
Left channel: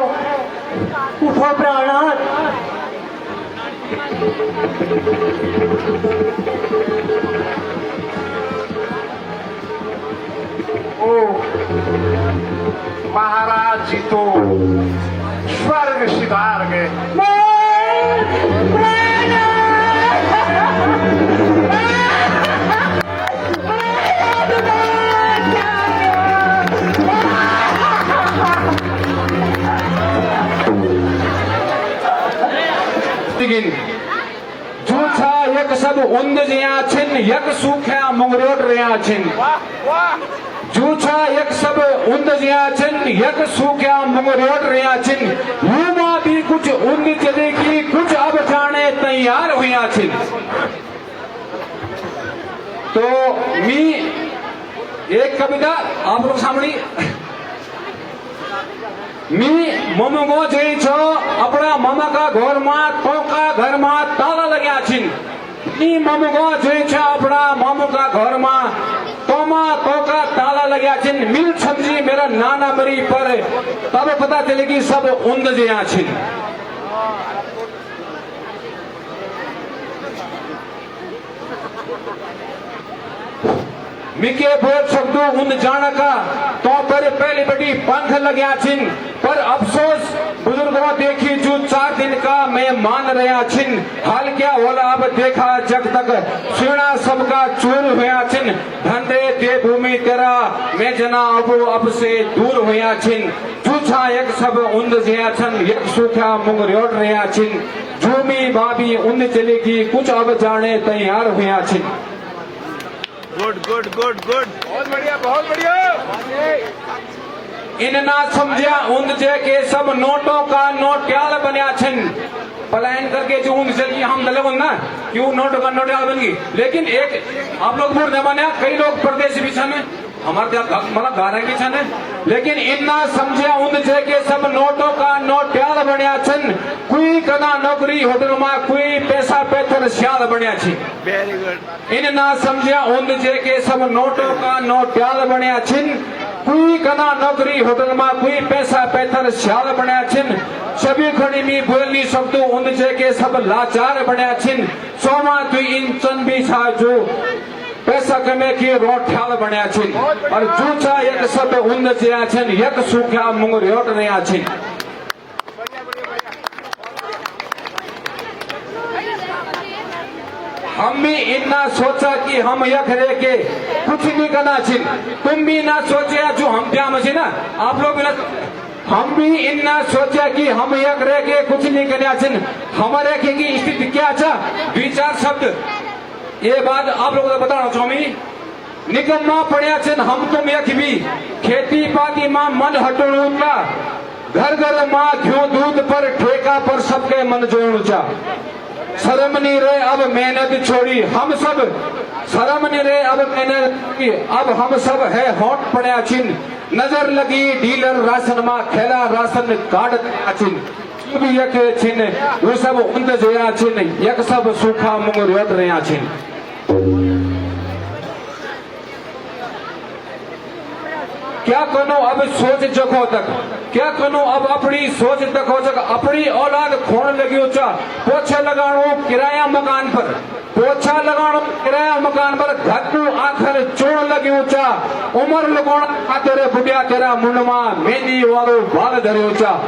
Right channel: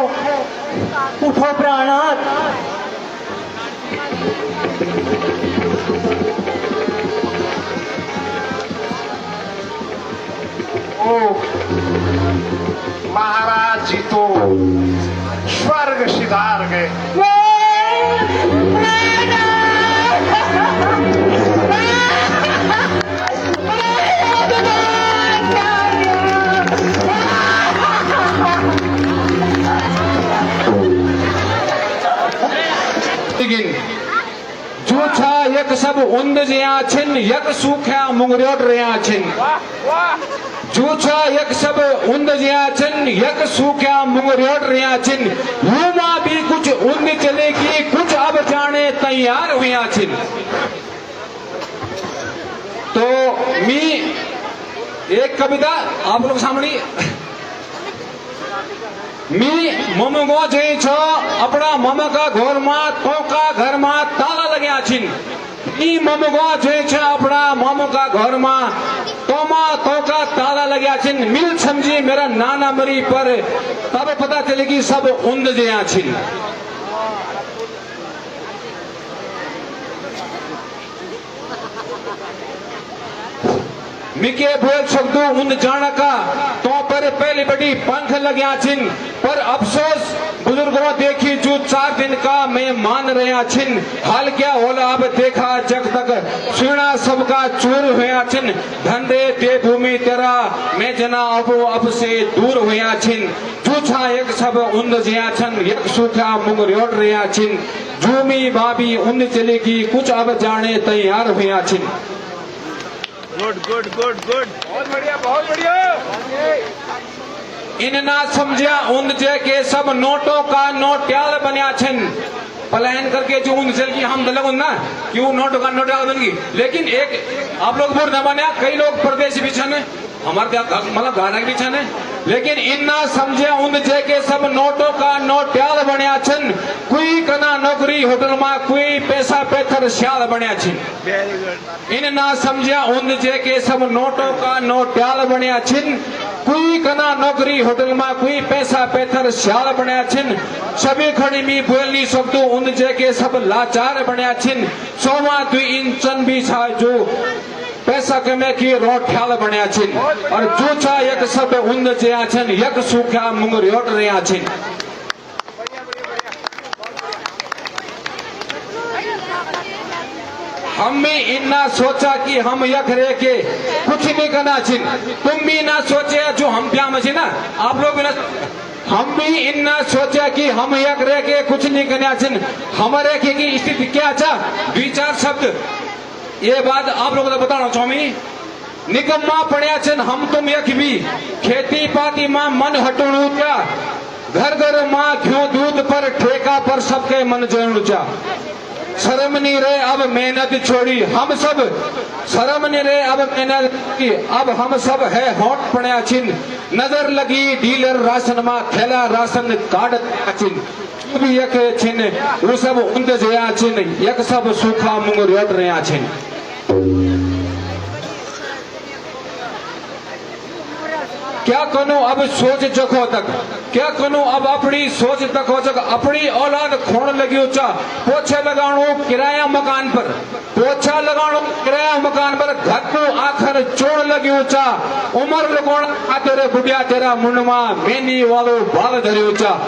उठो प्राणनाथ। महाराज जी तो स्वर्ग सिधार गए। जूठा यक सब उंद जिया छिन यक सूख्या मुंगरोट रिया छिन। जूठा यक सब उंद जिया छिन यक सूख्या मुंगरोट रिया छिन। युवा भी कुछ उंद चलेगी कुछ अब जाने तैयार हुआ छिन। तो मी एक कविता आप लोग सामने मी ममगो जई छो अपना ममा का घर में कोका घर में ताला लग्या छिन। मी ममगो जई छो अपना मामू का घर में तोमा कोका ताला लग्या छिन। मिल समझी मेरा नाना मरी पर तब पता चलेगी सब उंद जया छिन। मिके बोल सकदो उन जान का तो पर पहले बड़ी पंख लग्या छिन। पर अफसोस बुजुर्गों देखी जो 4 दिन का मैं मान रहा छिन। हाल क्या होला अब देखा जग तक सुना सबका चूर हुआ छिन। धंधे दे भूमि तेरा मैं जना अब से दूर हुआ छिन। जूठा एक सब उंद जिया छन एक सूखा मुंग रोट रहा छिन। जूमी भाभी उंद चलेगी कुछ अब जाने तैयार हुआ छिन। Good good good good. बहुत बढ़िया बहुत बढ़िया। इन ना समझा उंद जे के सब नोटों का नोट्याल बनिया छिन। पलायन करके जो उंद चल की हम दलोग ना क्यों नोटों का नोट्याल बन गई। लेकिन एक आप लोग बुर न बने कई लोग प्रदेश भी छन हमारे मतलब गारा भी छन। लेकिन इन्ना समझा उंद जे के सब नोटों का नोट्याल बनिया छिन। कोई कना नौकरी होटल में कोई पैसा पेथर सियाल बनिया छिन। इन ना समझा उंद जे के सब नोटों का नोट्याल बनिया छिन। कोई कना नौकरी होटल में कोई पैसा पेथर सियाल बनिया छिन। सभी खड़ी में बोलनी सबको उंद जे के सब लाचार बनिया छिन। सोमा दुई इंचन भी छा जो पैसा कमे की रोट्याल बनिया छिन। और जूठा यक सब उंद जया छिन यक सूखा मुंग रोट रहा छिन। हम भी इन्ना सोचा कि हम यक रह के कुछ नहीं करना छिन। तुम भी ना सोचा जो हम क्या मशीन ना आप लोग भी ना हम भी इन्ना सोचा कि हम यक रह के कुछ नहीं करना छिन। हमारे की स्थिति क्या अच्छा 2-4 शब्द ये बात आप लोगों को बताना चाहूंगी। निकम्मा पड़िया छन हम तुम यक भी खेती पाती मां मन हटोणू चा। घर घर मां घ्यो दूध पर ठेका पर सबके मन जोड़ू चा। शर्म नहीं रहे अब मेहनत छोड़ी हम सब शर्म नहीं रहे अब मेहनत की अब हम सब है होट पड़िया छिन। नजर लगी डीलर राशन मां थैला राशन कार्ड पड़िया छिन। भी यक छिन वो सब उंद जोया छिन यक सब सूखा मुंग रोट रहा छिन। क्या करो अब सोच जगो तक क्या करो अब अपनी सोच तक हो तक अपनी औलाद खोण लगी चा। पोछा लगाणो किराया मकान पर पोछा लगाणो किराया मकान पर घर को आखिर चोण लगी चा। उम्र लगाणो आतरे बुढ़िया तेरा मुंडमा मेनी वालो बाल धरियो चा।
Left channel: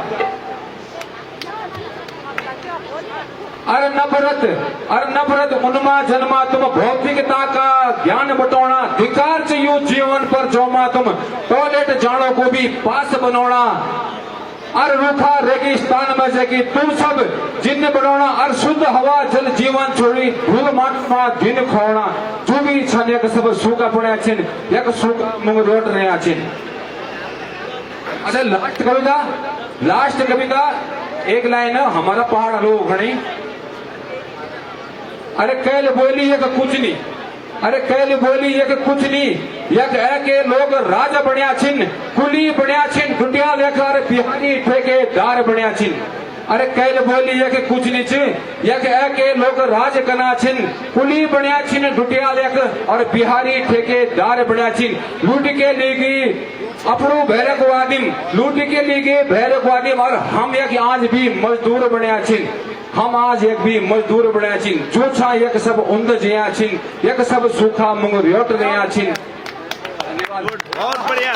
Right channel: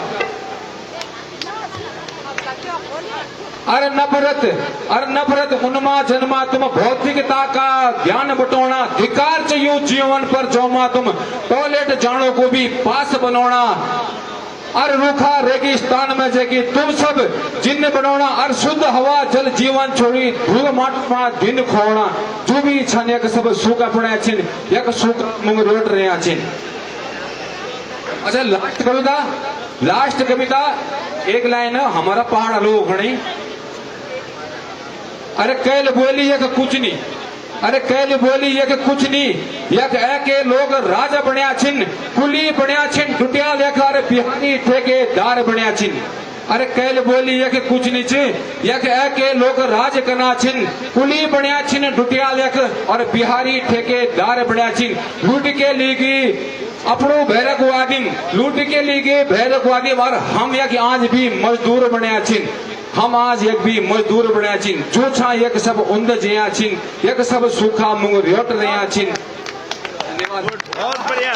अरे नफरत उन्मा जन्मा तुम भौतिकता का ध्यान बटोना। धिकार चाहिए जीवन पर जोमा तुम टॉयलेट जानो को भी पास बनोना। और रूखा रेगिस्तान में जाके तुम सब जिन्न बनोना। और शुद्ध हवा जल जीवन छोड़ी धूल माटना दिन खोना। जो भी छन एक सब सूखा पड़ा छिन एक सूखा मुंग रोट रहा छिन। अच्छा लास्ट कविता एक लाइन हमारा पहाड़ लोग घड़ी। अरे कैल बोली एक कुछ नहीं अरे कैल बोली एक कुछ नहीं यक के लोग राजा बनिया छिन। कुली बनिया छिन डुटिया लेकर बिहारी ठेकेदार बनिया छिन। अरे कैल बोली यक कुछ नहीं छे यक के लोग राज करना छिन। कुली बनिया छिन डुटिया लेकर और बिहारी ठेकेदार बनिया छिन। लूट के लिए अपनो भैरक वादिम लूट के लिए भैरक वादिम। और हम यक आज भी मजदूर बनिया छिन। हम आज एक भी मजदूर बनिया छिन। जूठा एक सब उंद जिया छिन एक सब सूखा मुंग रोट रहा छिन। धन्यवाद। बहुत बढ़िया।